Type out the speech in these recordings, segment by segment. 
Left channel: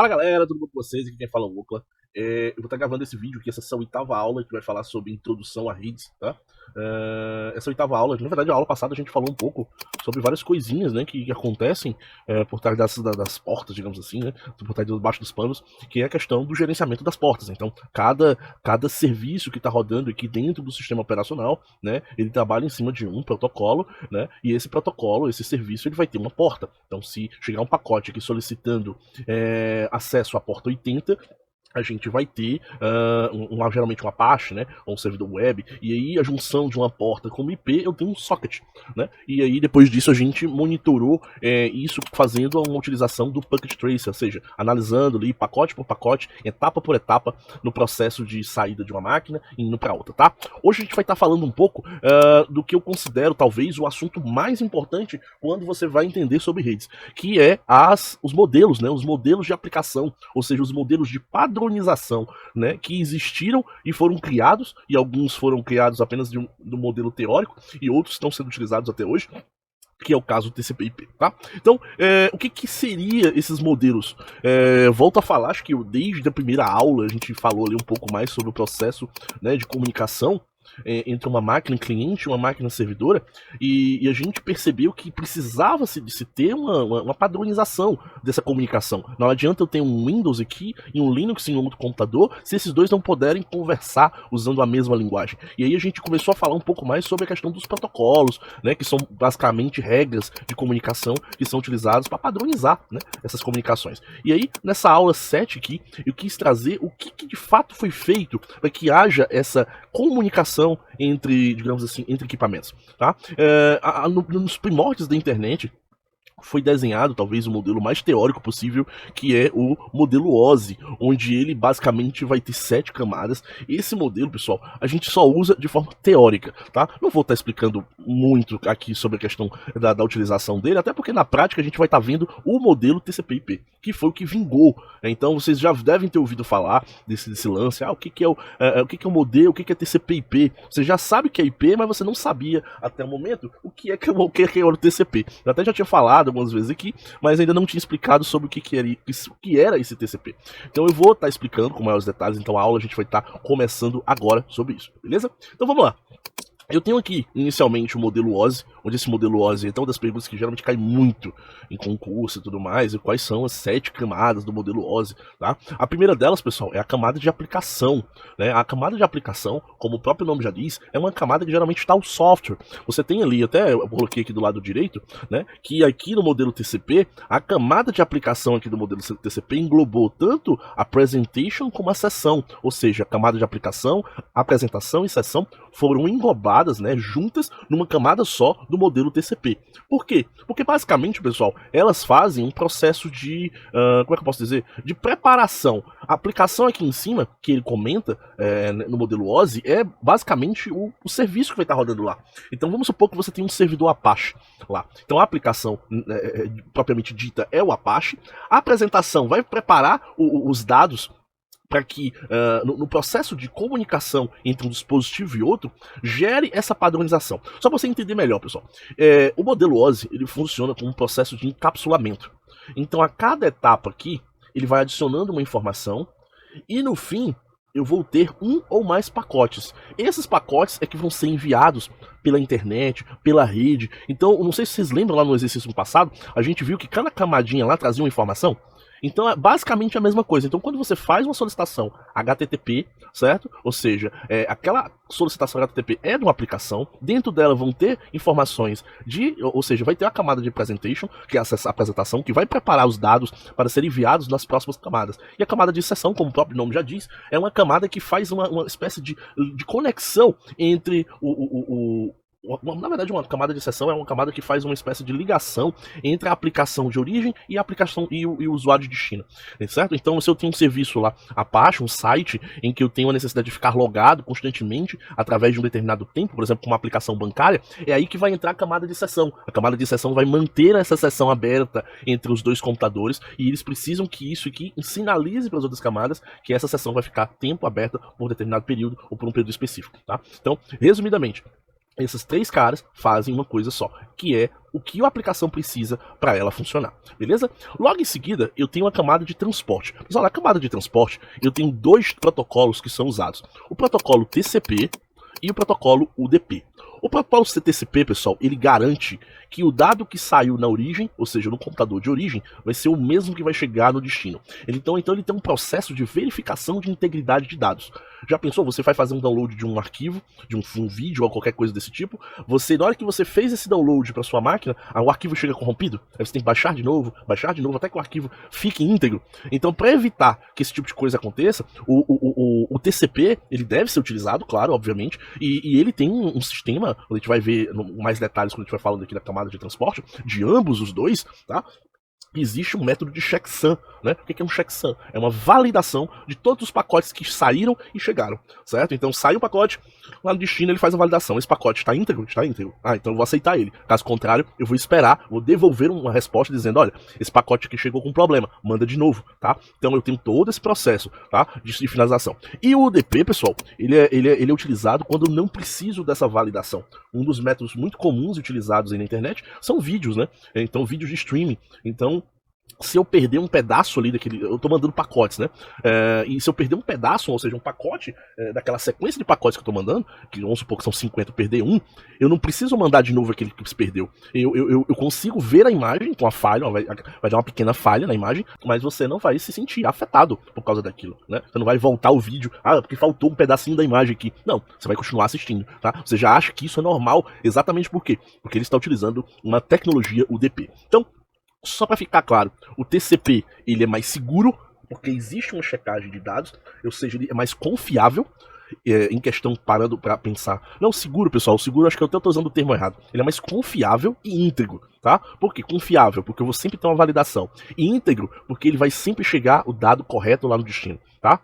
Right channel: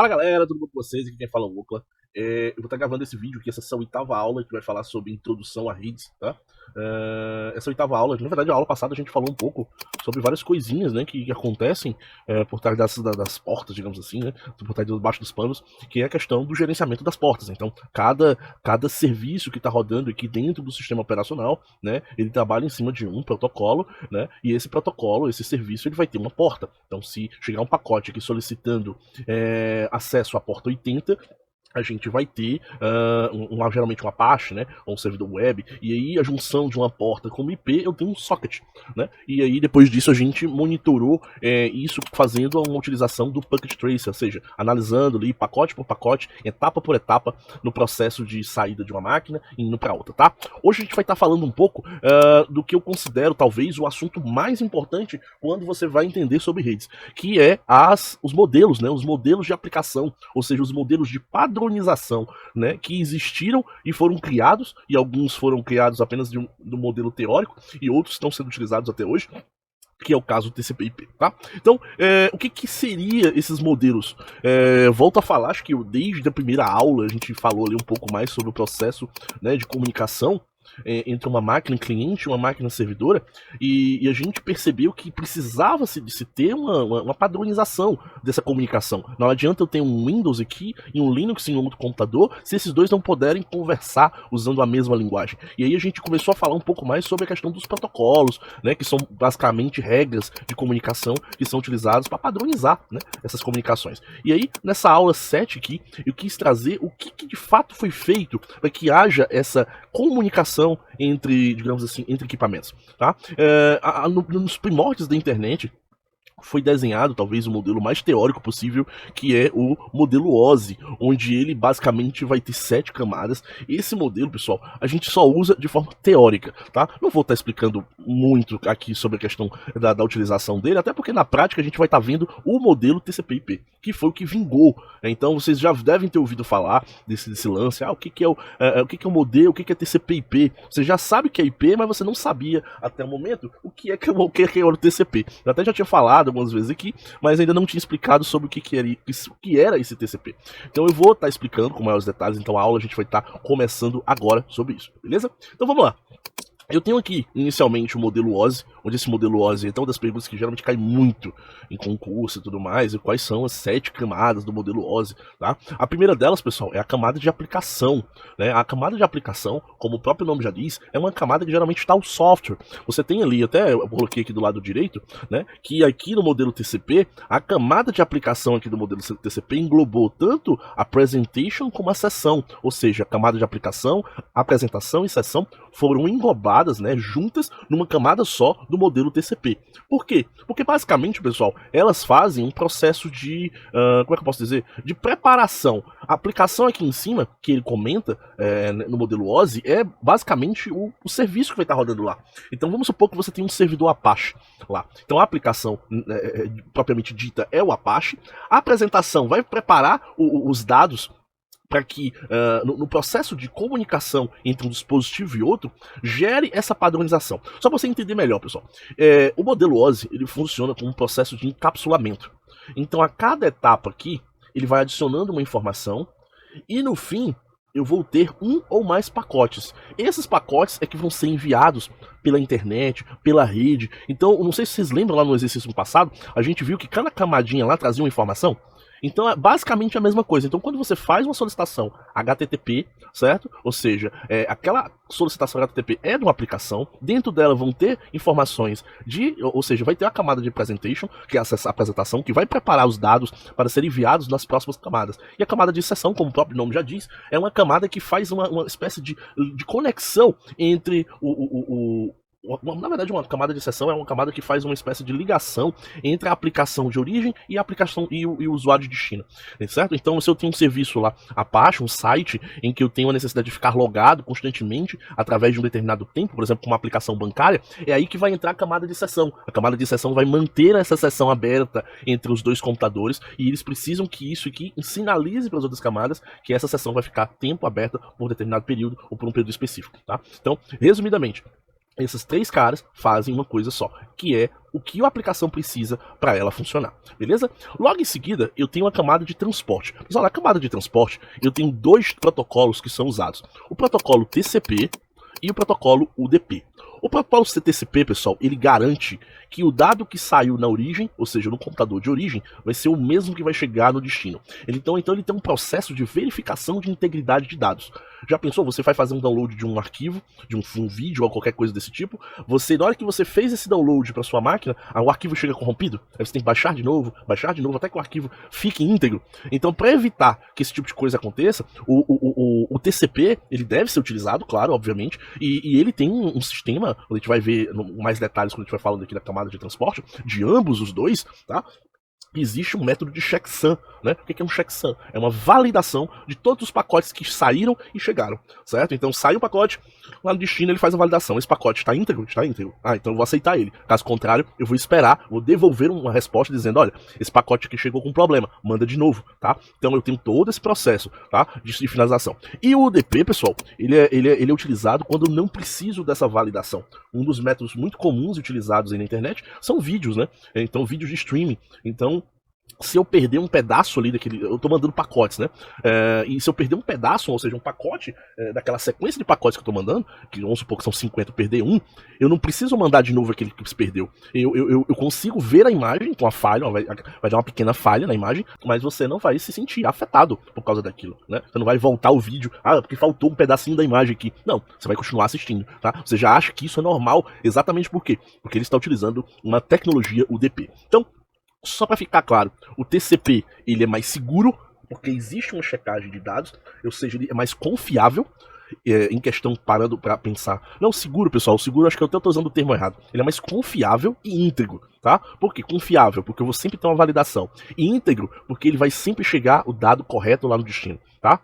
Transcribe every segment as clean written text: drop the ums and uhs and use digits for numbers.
Fala galera, tudo bom com vocês? Aqui quem fala é o Okla. Eu vou estar gravando esse vídeo aqui, essa oitava aula que vai falar sobre introdução a redes, tá? Essa oitava aula, na verdade a aula passada a gente falou um pouco sobre várias coisinhas, né, que acontecem por trás das portas, digamos assim, né, por trás debaixo dos panos, que é a questão do gerenciamento das portas. Então, cada serviço que está rodando aqui dentro do sistema operacional, né, ele trabalha em cima de um protocolo, né, e esse protocolo, esse serviço, ele vai ter uma porta. Então, se chegar um pacote aqui solicitando acesso à porta 80, a gente vai ter geralmente um Apache, né, ou um servidor web, e aí a junção de uma porta com IP eu tenho um socket, né, e aí depois disso a gente monitorou isso fazendo uma utilização do Packet Tracer, ou seja, analisando ali pacote por pacote, etapa por etapa, no processo de saída de uma máquina e indo para outra, tá? Hoje a gente vai estar falando um pouco do que eu considero talvez o assunto mais importante quando você vai entender sobre redes, que é os modelos, né, os modelos de aplicação, ou seja, os modelos de padronização, né, que existiram e foram criados, e alguns foram criados apenas do modelo teórico, e outros estão sendo utilizados até hoje, que é o caso do TCP/IP, tá? Então, o que seria esses modelos? Volto a falar, acho que desde a primeira aula a gente falou ali um pouco mais sobre o processo, né, de comunicação entre uma máquina cliente e uma máquina servidora, e a gente percebeu que precisava de se ter uma padronização dessa comunicação. Não adianta eu ter um Windows aqui e um Linux em um outro computador se esses dois não puderem conversar usando a mesma linguagem. E aí a gente começou a falar um pouco mais sobre a questão dos protocolos, né, que são basicamente regras de comunicação que são utilizadas para padronizar, né, essas comunicações. E aí, nessa aula 7 aqui, eu quis trazer o que de fato foi feito para que haja essa comunicação entre, digamos assim, entre equipamentos, tá? Nos primórdios da internet foi desenhado talvez o modelo mais teórico possível, que é o modelo OSI, onde ele basicamente vai ter 7 camadas. Esse modelo, pessoal, a gente só usa de forma teórica, tá? Não vou estar explicando muito aqui sobre a questão da utilização dele, até porque na prática a gente vai estar vendo o modelo TCP/IP, que foi o que vingou. Então vocês já devem ter ouvido falar desse lance, o que é o modelo, o que é TCP/IP. Você já sabe que é IP, mas você não sabia até o momento o que é o TCP. Eu até já tinha falado algumas vezes aqui, mas ainda não tinha explicado sobre o que era esse TCP. Então eu vou estar explicando com maiores detalhes, então a aula a gente vai estar começando agora sobre isso, beleza? Então vamos lá. Eu tenho aqui, inicialmente, o modelo OSI, onde esse modelo OSI é uma das perguntas que geralmente cai muito em concurso e tudo mais, e quais são as 7 camadas do modelo OSI, tá? A primeira delas, pessoal, é a camada de aplicação, né? A camada de aplicação, como o próprio nome já diz, é uma camada que geralmente está o software. Você tem ali, até eu coloquei aqui do lado direito, né, que aqui no modelo TCP, a camada de aplicação aqui do modelo TCP englobou tanto a presentation como a sessão, ou seja, a camada de aplicação, apresentação e sessão foram englobadas, né, juntas numa camada só do modelo TCP. Por quê? Porque basicamente, pessoal, elas fazem um processo de, como é que eu posso dizer? De preparação. A aplicação aqui em cima, que ele comenta no modelo OSI, é basicamente o serviço que vai estar rodando lá. Então vamos supor que você tem um servidor Apache lá. Então a aplicação propriamente dita é o Apache. A apresentação vai preparar os dados para que no processo de comunicação entre um dispositivo e outro, gere essa padronização. Só para você entender melhor, pessoal. O modelo OSI ele funciona como um processo de encapsulamento. Então, a cada etapa aqui, ele vai adicionando uma informação e, no fim, eu vou ter um ou mais pacotes. Esses pacotes é que vão ser enviados pela internet, pela rede. Então, não sei se vocês lembram lá no exercício passado, a gente viu que cada camadinha lá trazia uma informação. Então é basicamente a mesma coisa. Então quando você faz uma solicitação HTTP, certo? Ou seja, aquela solicitação HTTP é de uma aplicação, dentro dela vão ter informações ou seja, vai ter a camada de presentation, que é a apresentação, que vai preparar os dados para serem enviados nas próximas camadas. E a camada de sessão, como o próprio nome já diz, é uma camada que faz uma espécie de conexão entre na verdade, uma camada de sessão é uma camada que faz uma espécie de ligação entre a aplicação de origem e a aplicação e o usuário de destino, certo? Então, se eu tenho um serviço lá, Apache, um site, em que eu tenho a necessidade de ficar logado constantemente através de um determinado tempo, por exemplo, com uma aplicação bancária, é aí que vai entrar a camada de sessão. A camada de sessão vai manter essa sessão aberta entre os dois computadores e eles precisam que isso aqui sinalize para as outras camadas que essa sessão vai ficar tempo aberta por determinado período ou por um período específico, tá? Então, resumidamente, Esses três caras fazem uma coisa só, que é o que a aplicação precisa para ela funcionar, beleza? Logo em seguida, eu tenho a camada de transporte. Pessoal, na camada de transporte, eu tenho dois protocolos que são usados. O protocolo TCP e o protocolo UDP. O protocolo TCP, pessoal, ele garante que o dado que saiu na origem, ou seja, no computador de origem, vai ser o mesmo que vai chegar no destino. Então ele tem um processo de verificação de integridade de dados. Já pensou? Você vai fazer um download de um arquivo, de um vídeo ou qualquer coisa desse tipo, na hora que você fez esse download para sua máquina, o arquivo chega corrompido, aí você tem que baixar de novo, até que o arquivo fique íntegro. Então, para evitar que esse tipo de coisa aconteça, o TCP, ele deve ser utilizado, claro, obviamente, e ele tem um sistema, a gente vai ver mais detalhes quando a gente vai falando aqui da camada de transporte, de ambos os dois, tá? Existe um método de checksum, né? O que é um checksum? É uma validação de todos os pacotes que saíram e chegaram, certo? Então sai um pacote, lá no destino ele faz a validação. Esse pacote está íntegro? Está íntegro. Então eu vou aceitar ele. Caso contrário, eu vou esperar, vou devolver uma resposta dizendo, olha, esse pacote aqui chegou com problema, manda de novo, tá? Então eu tenho todo esse processo, tá? De finalização. E o UDP, pessoal, ele é utilizado quando eu não preciso dessa validação. Um dos métodos muito comuns utilizados aí na internet são vídeos, né? Então vídeos de streaming. Então, se eu perder um pedaço ali daquele... Eu tô mandando pacotes, né? E se eu perder um pedaço, ou seja, um pacote daquela sequência de pacotes que eu tô mandando, que vamos supor que são 50, eu perder um, eu não preciso mandar de novo aquele que se perdeu. Eu consigo ver a imagem com a falha, vai dar uma pequena falha na imagem, mas você não vai se sentir afetado por causa daquilo, né? Você não vai voltar o vídeo, porque faltou um pedacinho da imagem aqui. Não, você vai continuar assistindo, tá? Você já acha que isso é normal, exatamente por quê? Porque ele está utilizando uma tecnologia UDP. Então, só para ficar claro, o TCP ele é mais seguro, porque existe uma checagem de dados, ou seja, ele é mais confiável, em questão, parando para pensar. Não, seguro, pessoal, o seguro acho que eu até estou usando o termo errado. Ele é mais confiável e íntegro, tá? Por quê? Confiável, porque eu vou sempre ter uma validação. E íntegro, porque ele vai sempre chegar o dado correto lá no destino, tá?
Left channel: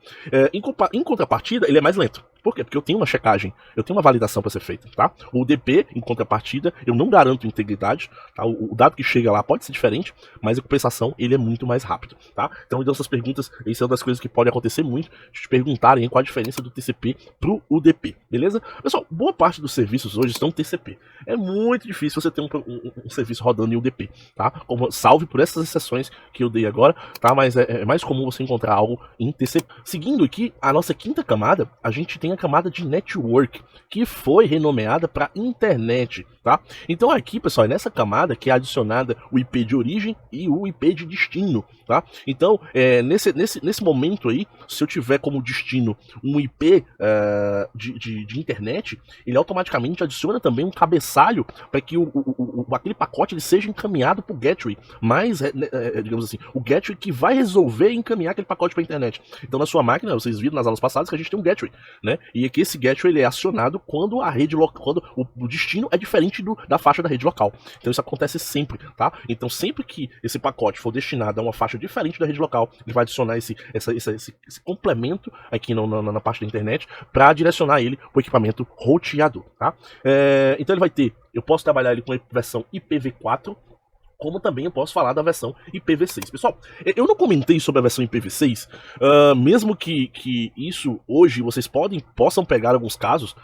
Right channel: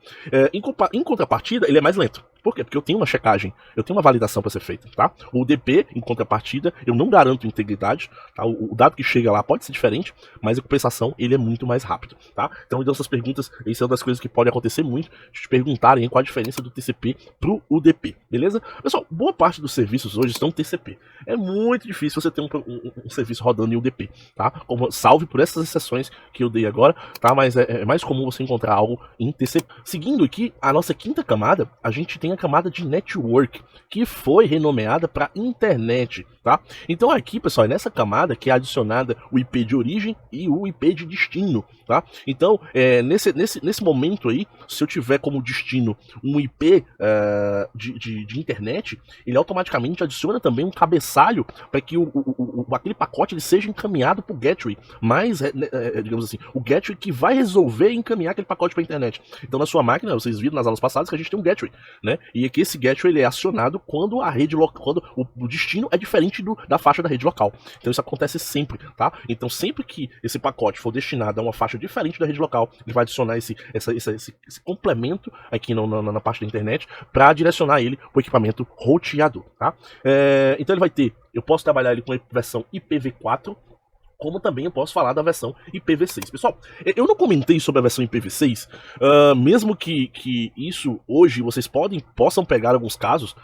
Em contrapartida, ele é mais lento. Por quê? Porque eu tenho uma checagem, eu tenho uma validação para ser feita, tá? O UDP, em contrapartida, eu não garanto integridade, tá? O dado que chega lá pode ser diferente, mas a compensação, ele é muito mais rápido, tá? Então, essas perguntas, isso é uma das coisas que pode acontecer muito, de te perguntarem qual a diferença do TCP pro UDP, beleza? Pessoal, boa parte dos serviços hoje estão TCP. É muito difícil você ter um serviço rodando em UDP, tá? Salve por essas exceções que eu dei agora, tá? Mas é mais comum você encontrar algo em TCP. Seguindo aqui, a nossa quinta camada, a gente tem a camada de network, que foi renomeada para internet, tá? Então aqui, pessoal, é nessa camada que é adicionada o IP de origem e o IP de destino, tá? Então, nesse momento aí, se eu tiver como destino um IP de internet, ele automaticamente adiciona também um cabeçalho para que aquele pacote ele seja encaminhado para o gateway, mas, digamos assim, o gateway que vai resolver encaminhar aquele pacote para a internet. Então, na sua máquina, vocês viram nas aulas passadas que a gente tem um gateway, né? E aqui esse gateway ele é acionado quando a rede local, quando o destino é diferente da faixa da rede local. Então isso acontece sempre, tá? Então sempre que esse pacote for destinado a uma faixa diferente da rede local, ele vai adicionar esse complemento aqui na parte da internet para direcionar ele para o equipamento roteador, tá? Então ele vai ter, eu posso trabalhar ele com a versão IPv4, como também eu posso falar da versão IPv6. Pessoal, eu não comentei sobre a versão IPv6, mesmo que isso hoje vocês possam pegar alguns casos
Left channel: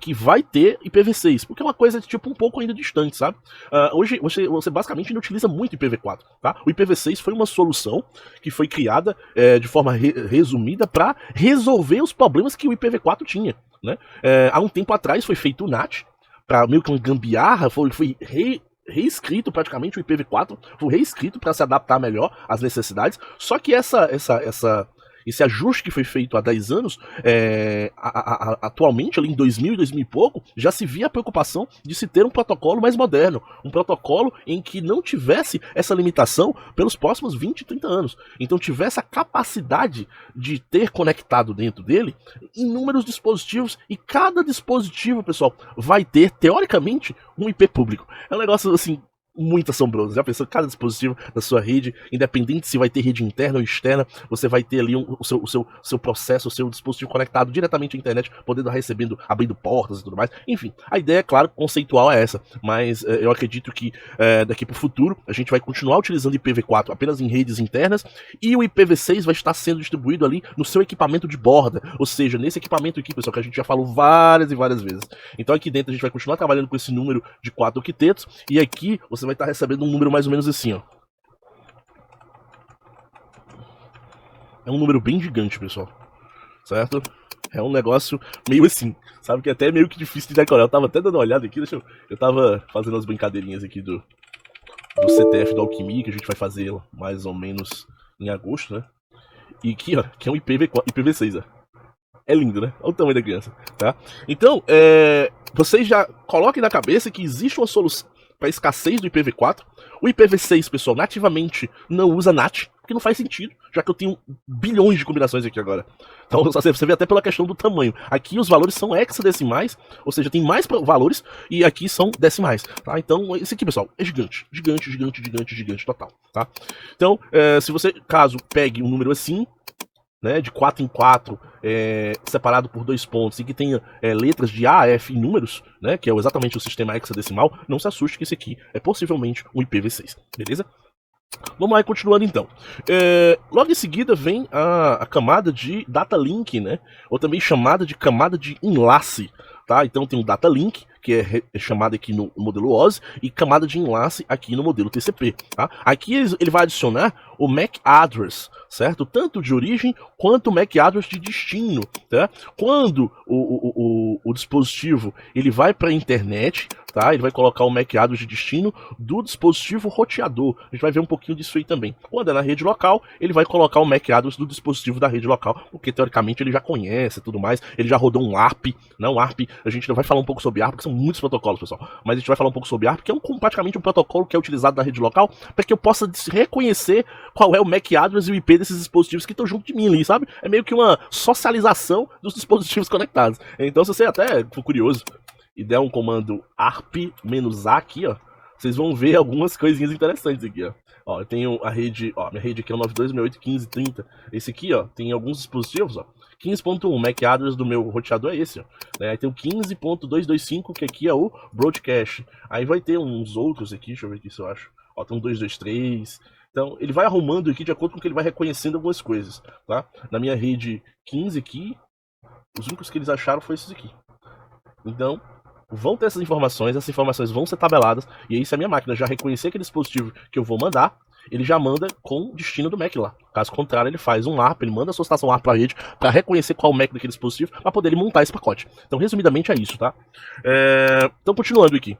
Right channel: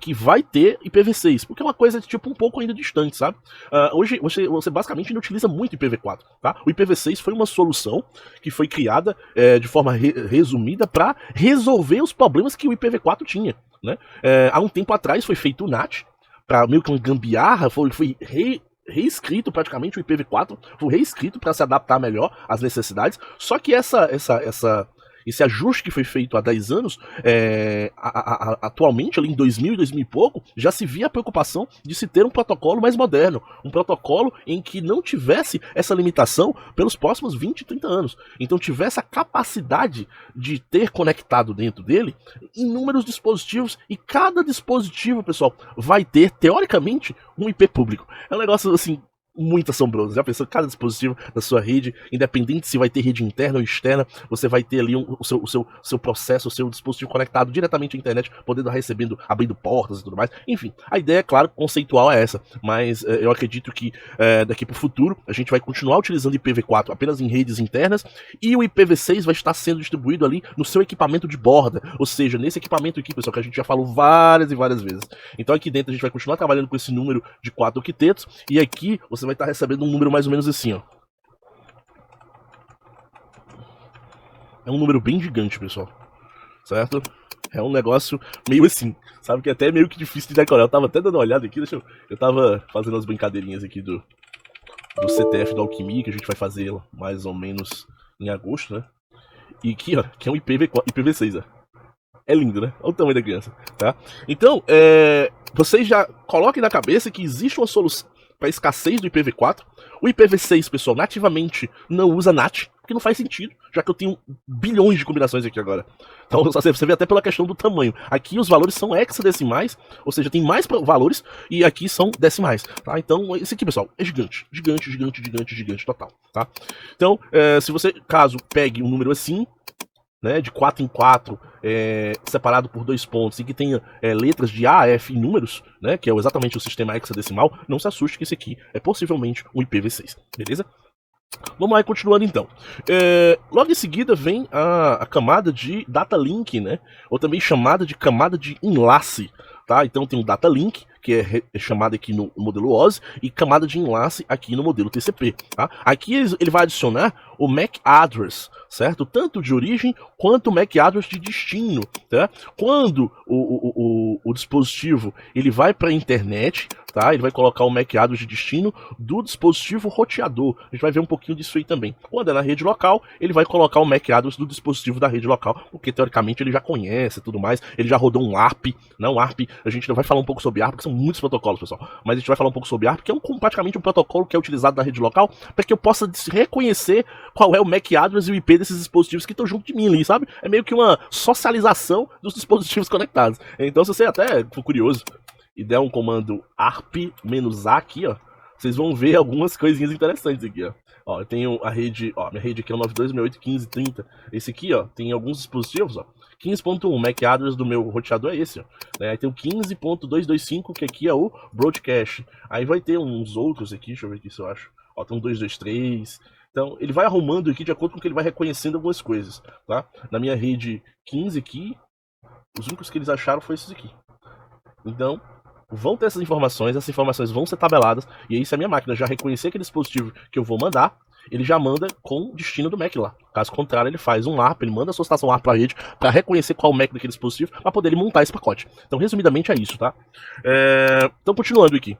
que vai ter IPv6, porque é uma coisa tipo um pouco ainda distante, sabe? Hoje você basicamente não utiliza muito IPv4, tá? O IPv6 foi uma solução que foi criada de forma resumida para resolver os problemas que o IPv4 tinha, né? Há um tempo atrás foi feito o NAT, para meio que uma gambiarra, foi reescrito praticamente o IPv4, foi reescrito para se adaptar melhor às necessidades, só que esse ajuste que foi feito há 10 anos, atualmente, ali em 2000 e 2000 e pouco, já se via a preocupação de se ter um protocolo mais moderno, um protocolo em que não tivesse essa limitação pelos próximos 20, 30 anos. Então tivesse a capacidade de ter conectado dentro dele inúmeros dispositivos, e cada dispositivo, pessoal, vai ter, teoricamente, um IP público. É um negócio assim muito assombroso. Já pensou, cada dispositivo da sua rede, independente se vai ter rede interna ou externa, você vai ter ali o seu processo, o seu dispositivo conectado diretamente à internet, podendo recebendo, abrindo portas e tudo mais. Enfim, a ideia, claro, conceitual é essa, mas eu acredito que daqui para o futuro a gente vai continuar utilizando IPv4 apenas em redes internas, e o IPv6 vai estar sendo distribuído ali no seu equipamento de borda, ou seja, nesse equipamento aqui, pessoal, que a gente já falou várias e várias vezes. Então aqui dentro a gente vai continuar trabalhando com esse número de 4 octetos, e aqui você vai estar recebendo um número mais ou menos assim, ó. É um número bem gigante, pessoal, certo? É um negócio meio assim, sabe, que é até meio que difícil de decorar. Eu tava até dando uma olhada aqui, eu tava fazendo as brincadeirinhas aqui do CTF da Alquimia, que a gente vai fazer mais ou menos em agosto, né? E aqui, ó, que é um IPv6, ó. É lindo, né? Olha o tamanho da criança, tá? Então, vocês já coloquem na cabeça que existe uma solução para escassez do IPv4. O IPv6, pessoal, nativamente não usa NAT, porque não faz sentido, já que eu tenho bilhões de combinações aqui agora. Então você vê até pela questão do tamanho. Aqui os valores são hexadecimais, ou seja, tem mais valores, e aqui são decimais, tá? Então esse aqui, pessoal, é gigante, gigante, gigante, gigante, gigante total, tá? Então, se você, caso pegue um número assim, né, de 4 em 4, separado por 2 pontos, e que tenha letras de A a F em números, né, que é exatamente o sistema hexadecimal, não se assuste que esse aqui é possivelmente um IPv6, beleza? Vamos lá, continuando então. Logo em seguida vem a camada de data link, né, ou também chamada de camada de enlace, tá? Então tem o data link, que é chamado aqui no modelo OSI, e camada de enlace aqui no modelo TCP, tá? Aqui ele vai adicionar o MAC address, certo? Tanto de origem quanto o MAC address de destino, tá? Quando o dispositivo ele vai para a internet, tá? Ele vai colocar o MAC address de destino do dispositivo roteador. A gente vai ver um pouquinho disso aí também. Quando é na rede local, ele vai colocar o MAC address do dispositivo da rede local, porque teoricamente ele já conhece e tudo mais. Ele já rodou um ARP, né? Um ARP, a gente vai falar um pouco sobre ARP, porque são muitos protocolos, pessoal. Mas a gente vai falar um pouco sobre ARP, que é praticamente um protocolo que é utilizado na rede local, para que eu possa reconhecer qual é o MAC address e o IP desses dispositivos que estão junto de mim ali, sabe? É meio que uma socialização dos dispositivos conectados. Então, se você até for curioso e der um comando arp-a aqui, ó, vocês vão ver algumas coisinhas interessantes aqui, ó. Ó, eu tenho a rede, ó, minha rede aqui é o 92681530. Esse aqui, ó, tem alguns dispositivos, ó. 15.1, MAC address do meu roteador é esse, ó. Aí tem o 15.225, que aqui é o broadcast. Aí vai ter uns outros aqui, deixa eu ver aqui se eu acho. Ó, tem um 223. Então, ele vai arrumando aqui de acordo com que ele vai reconhecendo algumas coisas, tá? Na minha rede 15 aqui, os únicos que eles acharam foi esses aqui. Então, vão ter essas informações vão ser tabeladas, e aí se a minha máquina já reconhecer aquele dispositivo que eu vou mandar, ele já manda com o destino do MAC lá. Caso contrário, ele faz um ARP, ele manda a sua estação ARP para a rede para reconhecer qual é o MAC daquele dispositivo, para poder ele montar esse pacote. Então, resumidamente, é isso, tá? Então, continuando aqui.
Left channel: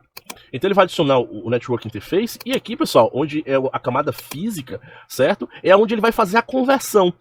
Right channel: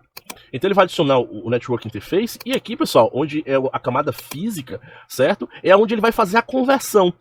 Então ele vai adicionar o Network Interface, e aqui, pessoal, onde é a camada física, certo? É onde ele vai fazer a conversão.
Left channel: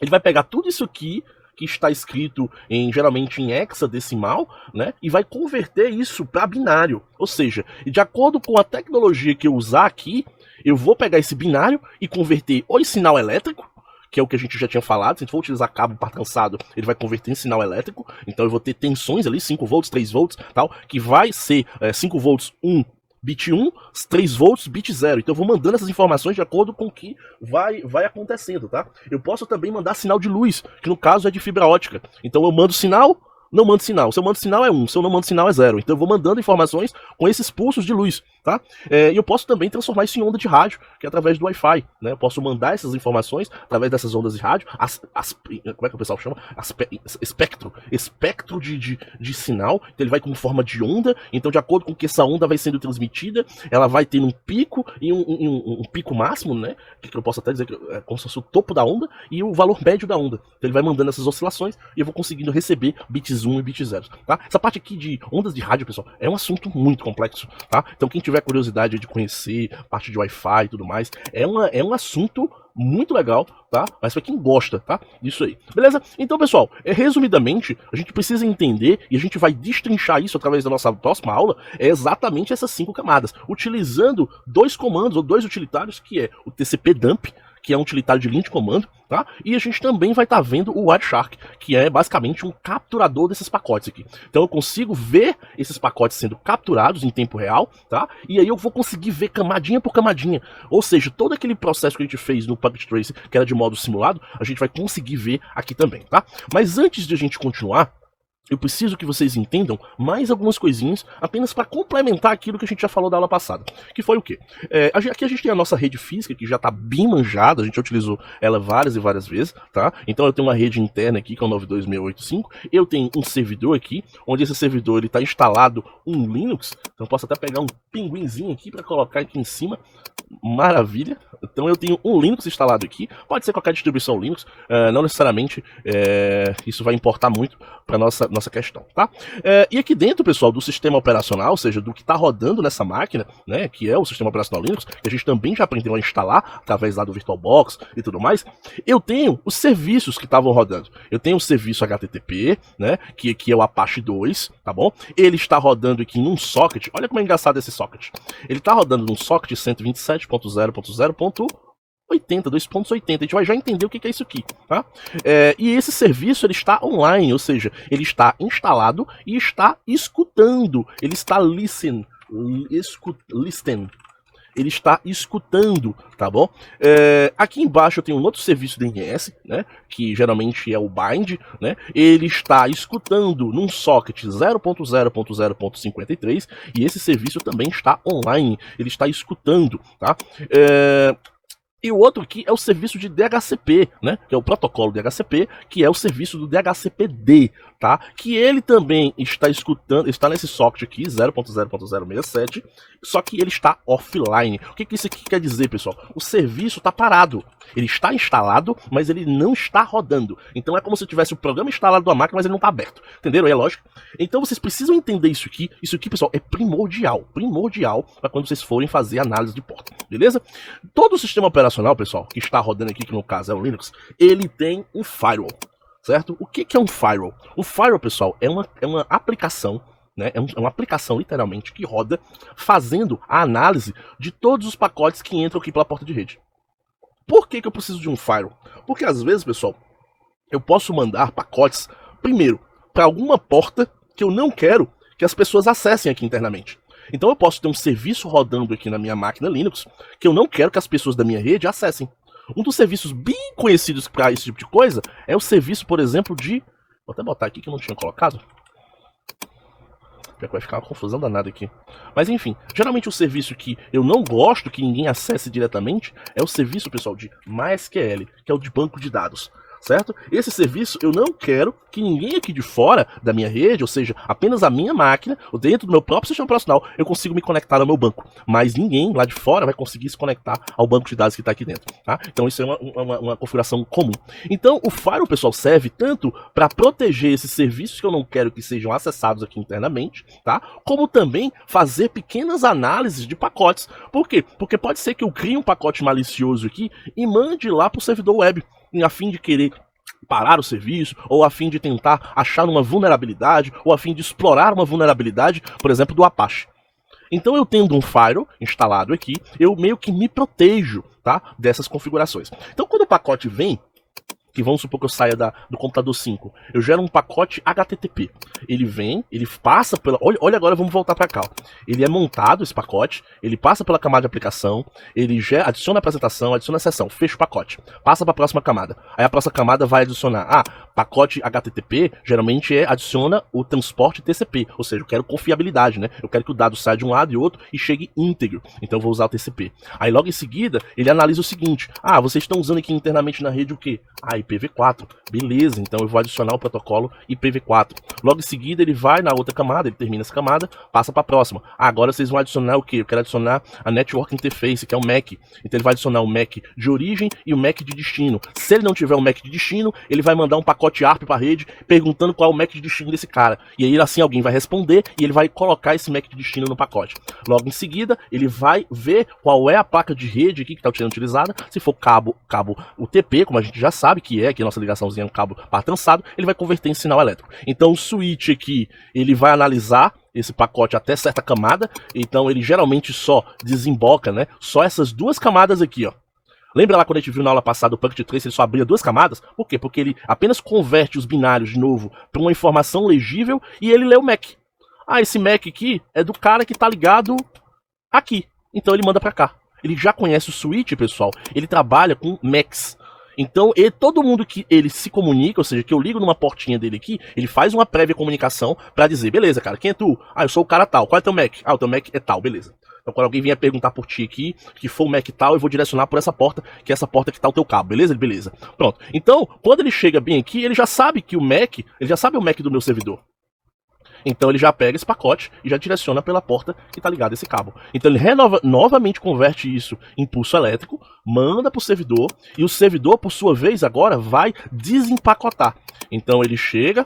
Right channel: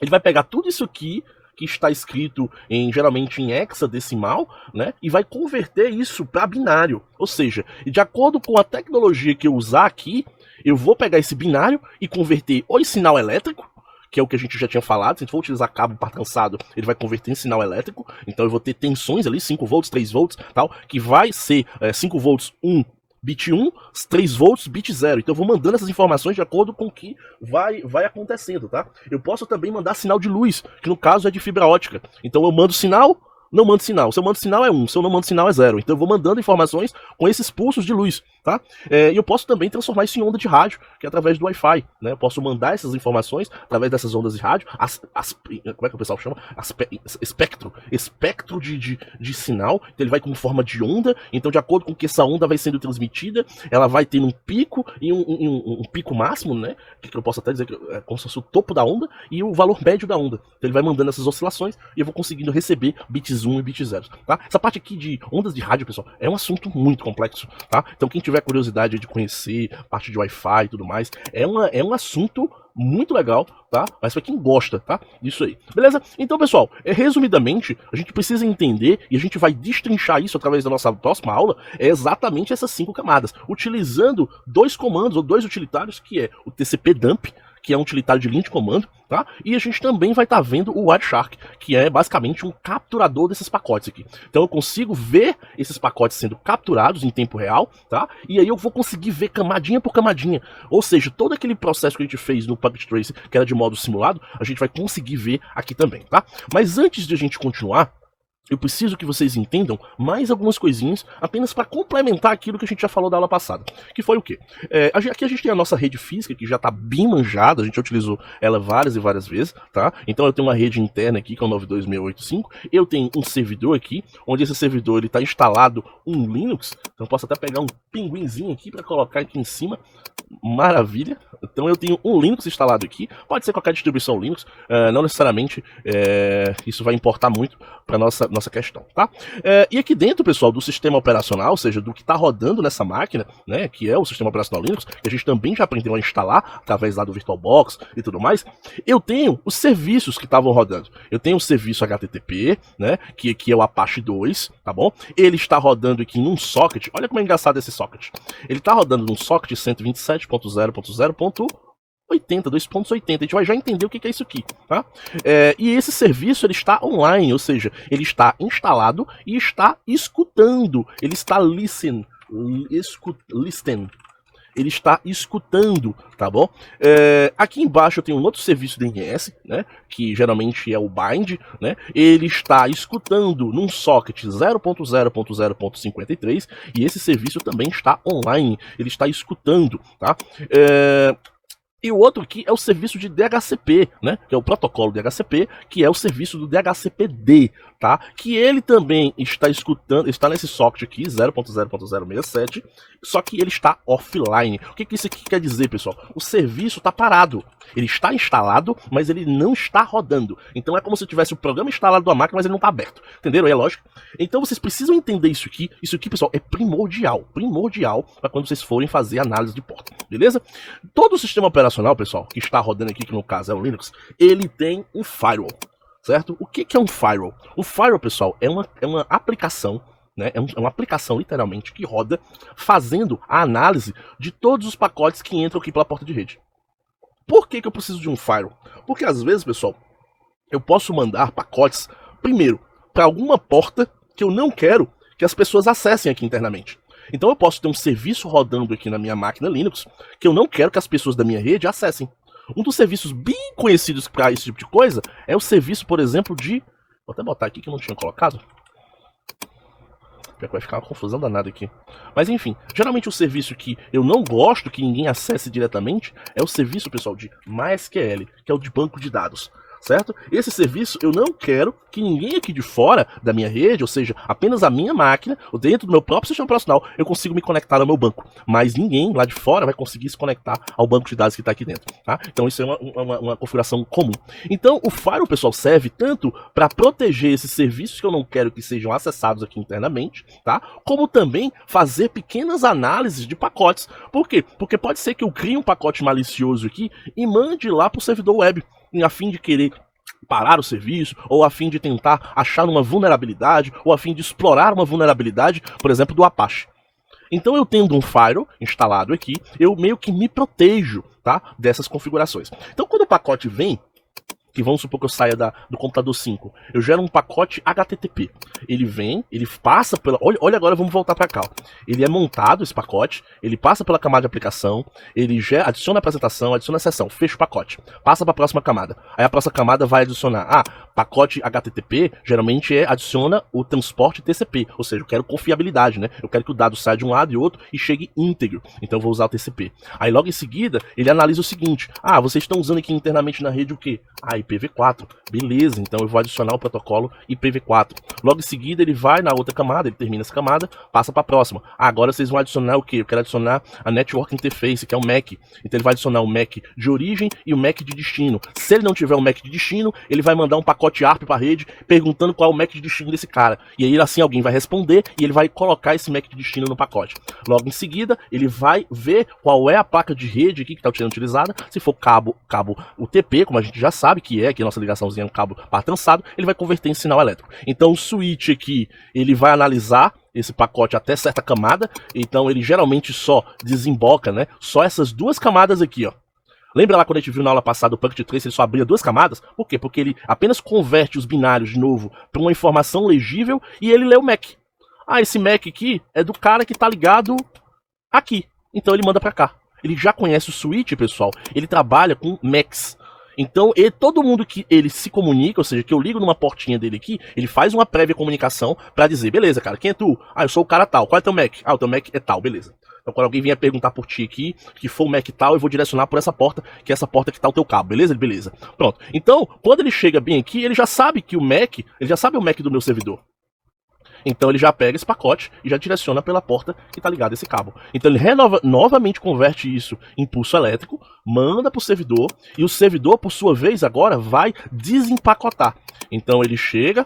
Ele vai pegar tudo isso aqui, que está escrito geralmente em hexadecimal, né? E vai converter isso para binário. Ou seja, de acordo com a tecnologia que eu usar aqui, eu vou pegar esse binário e converter ou em sinal elétrico, que é o que a gente já tinha falado. Se a gente for utilizar cabo para cansado, ele vai converter em sinal elétrico. Então eu vou ter tensões ali, 5 volts, 3 volts, tal, que vai ser 5 volts, 1 bit 1, 3 volts, bit 0. Então eu vou mandando essas informações de acordo com o que vai acontecendo, tá? Eu posso também mandar sinal de luz, que no caso é de fibra ótica. Então eu mando sinal, não mando sinal. Se eu mando sinal é 1, se eu não mando sinal é 0. Então eu vou mandando informações com esses pulsos de luz, tá? E eu posso também transformar isso em onda de rádio, que é através do Wi-Fi, né? Eu posso mandar essas informações através dessas ondas de rádio, como é que o pessoal chama? Espectro de sinal. Então ele vai com forma de onda, então de acordo com que essa onda vai sendo transmitida, ela vai ter um pico e um pico máximo, né? Que eu posso até dizer que é como se fosse o topo da onda e o valor médio da onda. Então ele vai mandando essas oscilações e eu vou conseguindo receber bits 1 e bits 0, tá? Essa parte aqui de ondas de rádio, pessoal, é um assunto muito complexo, tá? Então quem tiver curiosidade de conhecer parte de Wi-Fi e tudo mais, é um assunto muito legal, tá? Mas pra quem gosta, tá? Isso aí. Beleza? Então, pessoal, resumidamente, a gente precisa entender, e a gente vai destrinchar isso através da nossa próxima aula, é exatamente essas 5 camadas, utilizando 2 comandos ou 2 utilitários, que é o TCP dump, que é um utilitário de linha de comando, tá? E a gente também vai estar vendo o Wireshark, que é basicamente um capturador desses pacotes aqui. Então eu consigo ver esses pacotes sendo capturados em tempo real, tá? E aí eu vou conseguir ver camadinha por camadinha. Ou seja, todo aquele processo que a gente fez no Puppet Tracer, que era de modo simulado, a gente vai conseguir ver aqui também, tá? Mas antes de a gente continuar, eu preciso que vocês entendam mais algumas coisinhas, apenas para complementar aquilo que a gente já falou da aula passada. Que foi o quê? Aqui a gente tem a nossa rede física, que já está bem manjada, a gente já utilizou ela várias e várias vezes, tá? Então eu tenho uma rede interna aqui, que é o 92685, eu tenho um servidor aqui, onde esse servidor ele está instalado um Linux, então eu posso até pegar um pinguinzinho aqui para colocar aqui em cima. Maravilha, então eu tenho um Linux instalado aqui, pode ser qualquer distribuição Linux, não necessariamente isso vai importar muito para nossa questão, tá? E aqui dentro, pessoal, do sistema operacional, ou seja, do que está rodando nessa máquina, né, que é o sistema operacional Linux, que a gente também já aprendeu a instalar através lá do VirtualBox e tudo mais, eu tenho os serviços que estavam rodando. Eu tenho o serviço HTTP, né, que é o Apache 2, tá bom? Ele está rodando aqui num socket, olha como é engraçado esse socket. Ele está rodando num socket 127.0.0.80, 2.80, a gente vai já entender o que é isso aqui, tá? E esse serviço ele está online, ou seja, ele está instalado e está escutando, ele está listen, ele está escutando, tá bom? Aqui embaixo eu tenho um outro serviço DNS, né, que geralmente é o bind, né? Ele está escutando num socket 0.0.0.53 e esse serviço também está online, ele está escutando, tá? E o outro aqui é o serviço de DHCP, né? Que é o protocolo DHCP, que é o serviço do DHCPD, tá? Que ele também está escutando, está nesse socket aqui, 0.0.067, só que ele está offline. O que isso aqui quer dizer, pessoal? O serviço está parado. Ele está instalado, mas ele não está rodando. Então é como se tivesse o programa instalado na máquina, mas ele não está aberto. Entenderam? É lógico. Então vocês precisam entender isso aqui. Isso aqui, pessoal, é primordial para quando vocês forem fazer análise de porta. Beleza? Todo o sistema operacional, pessoal, que está rodando aqui, que no caso é o Linux, ele tem um firewall. Certo? O que é um firewall? O firewall, pessoal, é uma aplicação, né? É uma aplicação, literalmente, que roda fazendo a análise de todos os pacotes que entram aqui pela porta de rede. Por que eu preciso de um firewall? Porque às vezes, pessoal, eu posso mandar pacotes, primeiro, para alguma porta que eu não quero que as pessoas acessem aqui internamente. Então eu posso ter um serviço rodando aqui na minha máquina Linux que eu não quero que as pessoas da minha rede acessem. Um dos serviços bem conhecidos para esse tipo de coisa é o serviço, por exemplo, de... Vou até botar aqui que eu não tinha colocado. Vai ficar uma confusão danada aqui. Mas enfim, geralmente o serviço que eu não gosto que ninguém acesse diretamente é o serviço, pessoal, de MySQL, que é o de banco de dados. Certo? Esse serviço eu não quero que ninguém aqui de fora da minha rede, ou seja, apenas a minha máquina, ou dentro do meu próprio sistema operacional, eu consigo me conectar ao meu banco. Mas ninguém lá de fora vai conseguir se conectar ao banco de dados que está aqui dentro. Tá? Então isso é uma configuração comum. Então o firewall, pessoal, serve tanto para proteger esses serviços que eu não quero que sejam acessados aqui internamente, tá? Como também fazer pequenas análises de pacotes. Por quê? Porque pode ser que eu crie um pacote malicioso aqui e mande lá para o servidor web, a fim de querer parar o serviço, ou a fim de tentar achar uma vulnerabilidade, ou a fim de explorar uma vulnerabilidade, por exemplo, do Apache. Então eu tendo um firewall instalado aqui, eu meio que me protejo, tá, dessas configurações. Então quando o pacote vem, que vamos supor que eu saia do computador 5, eu gero um pacote HTTP. Ele vem, ele passa pela... Olha agora, vamos voltar para cá. Ó. Ele é montado, esse pacote, ele passa pela camada de aplicação, ele adiciona a apresentação, adiciona a sessão, fecha o pacote, passa para a próxima camada. Aí a próxima camada vai adicionar, pacote HTTP, geralmente adiciona o transporte TCP, ou seja, eu quero confiabilidade, né? Eu quero que o dado saia de um lado e outro e chegue íntegro, então eu vou usar o TCP. Aí logo em seguida, ele analisa o seguinte, vocês estão usando aqui internamente na rede o quê? IPv4, beleza, então eu vou adicionar o protocolo IPv4. Logo em seguida ele vai na outra camada, ele termina essa camada, passa para a próxima. Agora vocês vão adicionar o que? Eu quero adicionar a Network Interface, que é o MAC. Então ele vai adicionar o MAC de origem e o MAC de destino. Se ele não tiver o MAC de destino, ele vai mandar um pacote ARP para a rede perguntando qual é o MAC de destino desse cara. E aí assim alguém vai responder e ele vai colocar esse MAC de destino no pacote. Logo em seguida ele vai ver qual é a placa de rede aqui que está sendo utilizada. Se for cabo UTP, como a gente já sabe que é, que a nossa ligaçãozinha é um cabo par trançado, ele vai converter em sinal elétrico. Então o switch aqui, ele vai analisar esse pacote até certa camada, então ele geralmente só desemboca, né, só essas duas camadas aqui, ó. Lembra lá quando a gente viu na aula passada o Packet Trace, ele só abria 2 camadas? Por quê? Porque ele apenas converte os binários de novo para uma informação legível e ele lê o MAC. Ah, esse MAC aqui é do cara que tá ligado aqui. Então ele manda para cá. Ele já conhece o switch, pessoal. Ele trabalha com MACs. Então, todo mundo que ele se comunica, ou seja, que eu ligo numa portinha dele aqui, ele faz uma prévia comunicação pra dizer, beleza, cara, quem é tu? Ah, eu sou o cara tal. Qual é teu Mac? Ah, o teu Mac é tal, beleza. Então, quando alguém vier perguntar por ti aqui, que for o Mac tal, eu vou direcionar por essa porta, que é essa porta que tá o teu cabo, beleza? Beleza. Pronto. Então, quando ele chega bem aqui, ele já sabe que o Mac, ele já sabe o Mac do meu servidor. Então ele já pega esse pacote e já direciona pela porta que está ligada a esse cabo. Então ele novamente converte isso em pulso elétrico, manda para o servidor, e o servidor, por sua vez, agora vai desempacotar. Então ele chega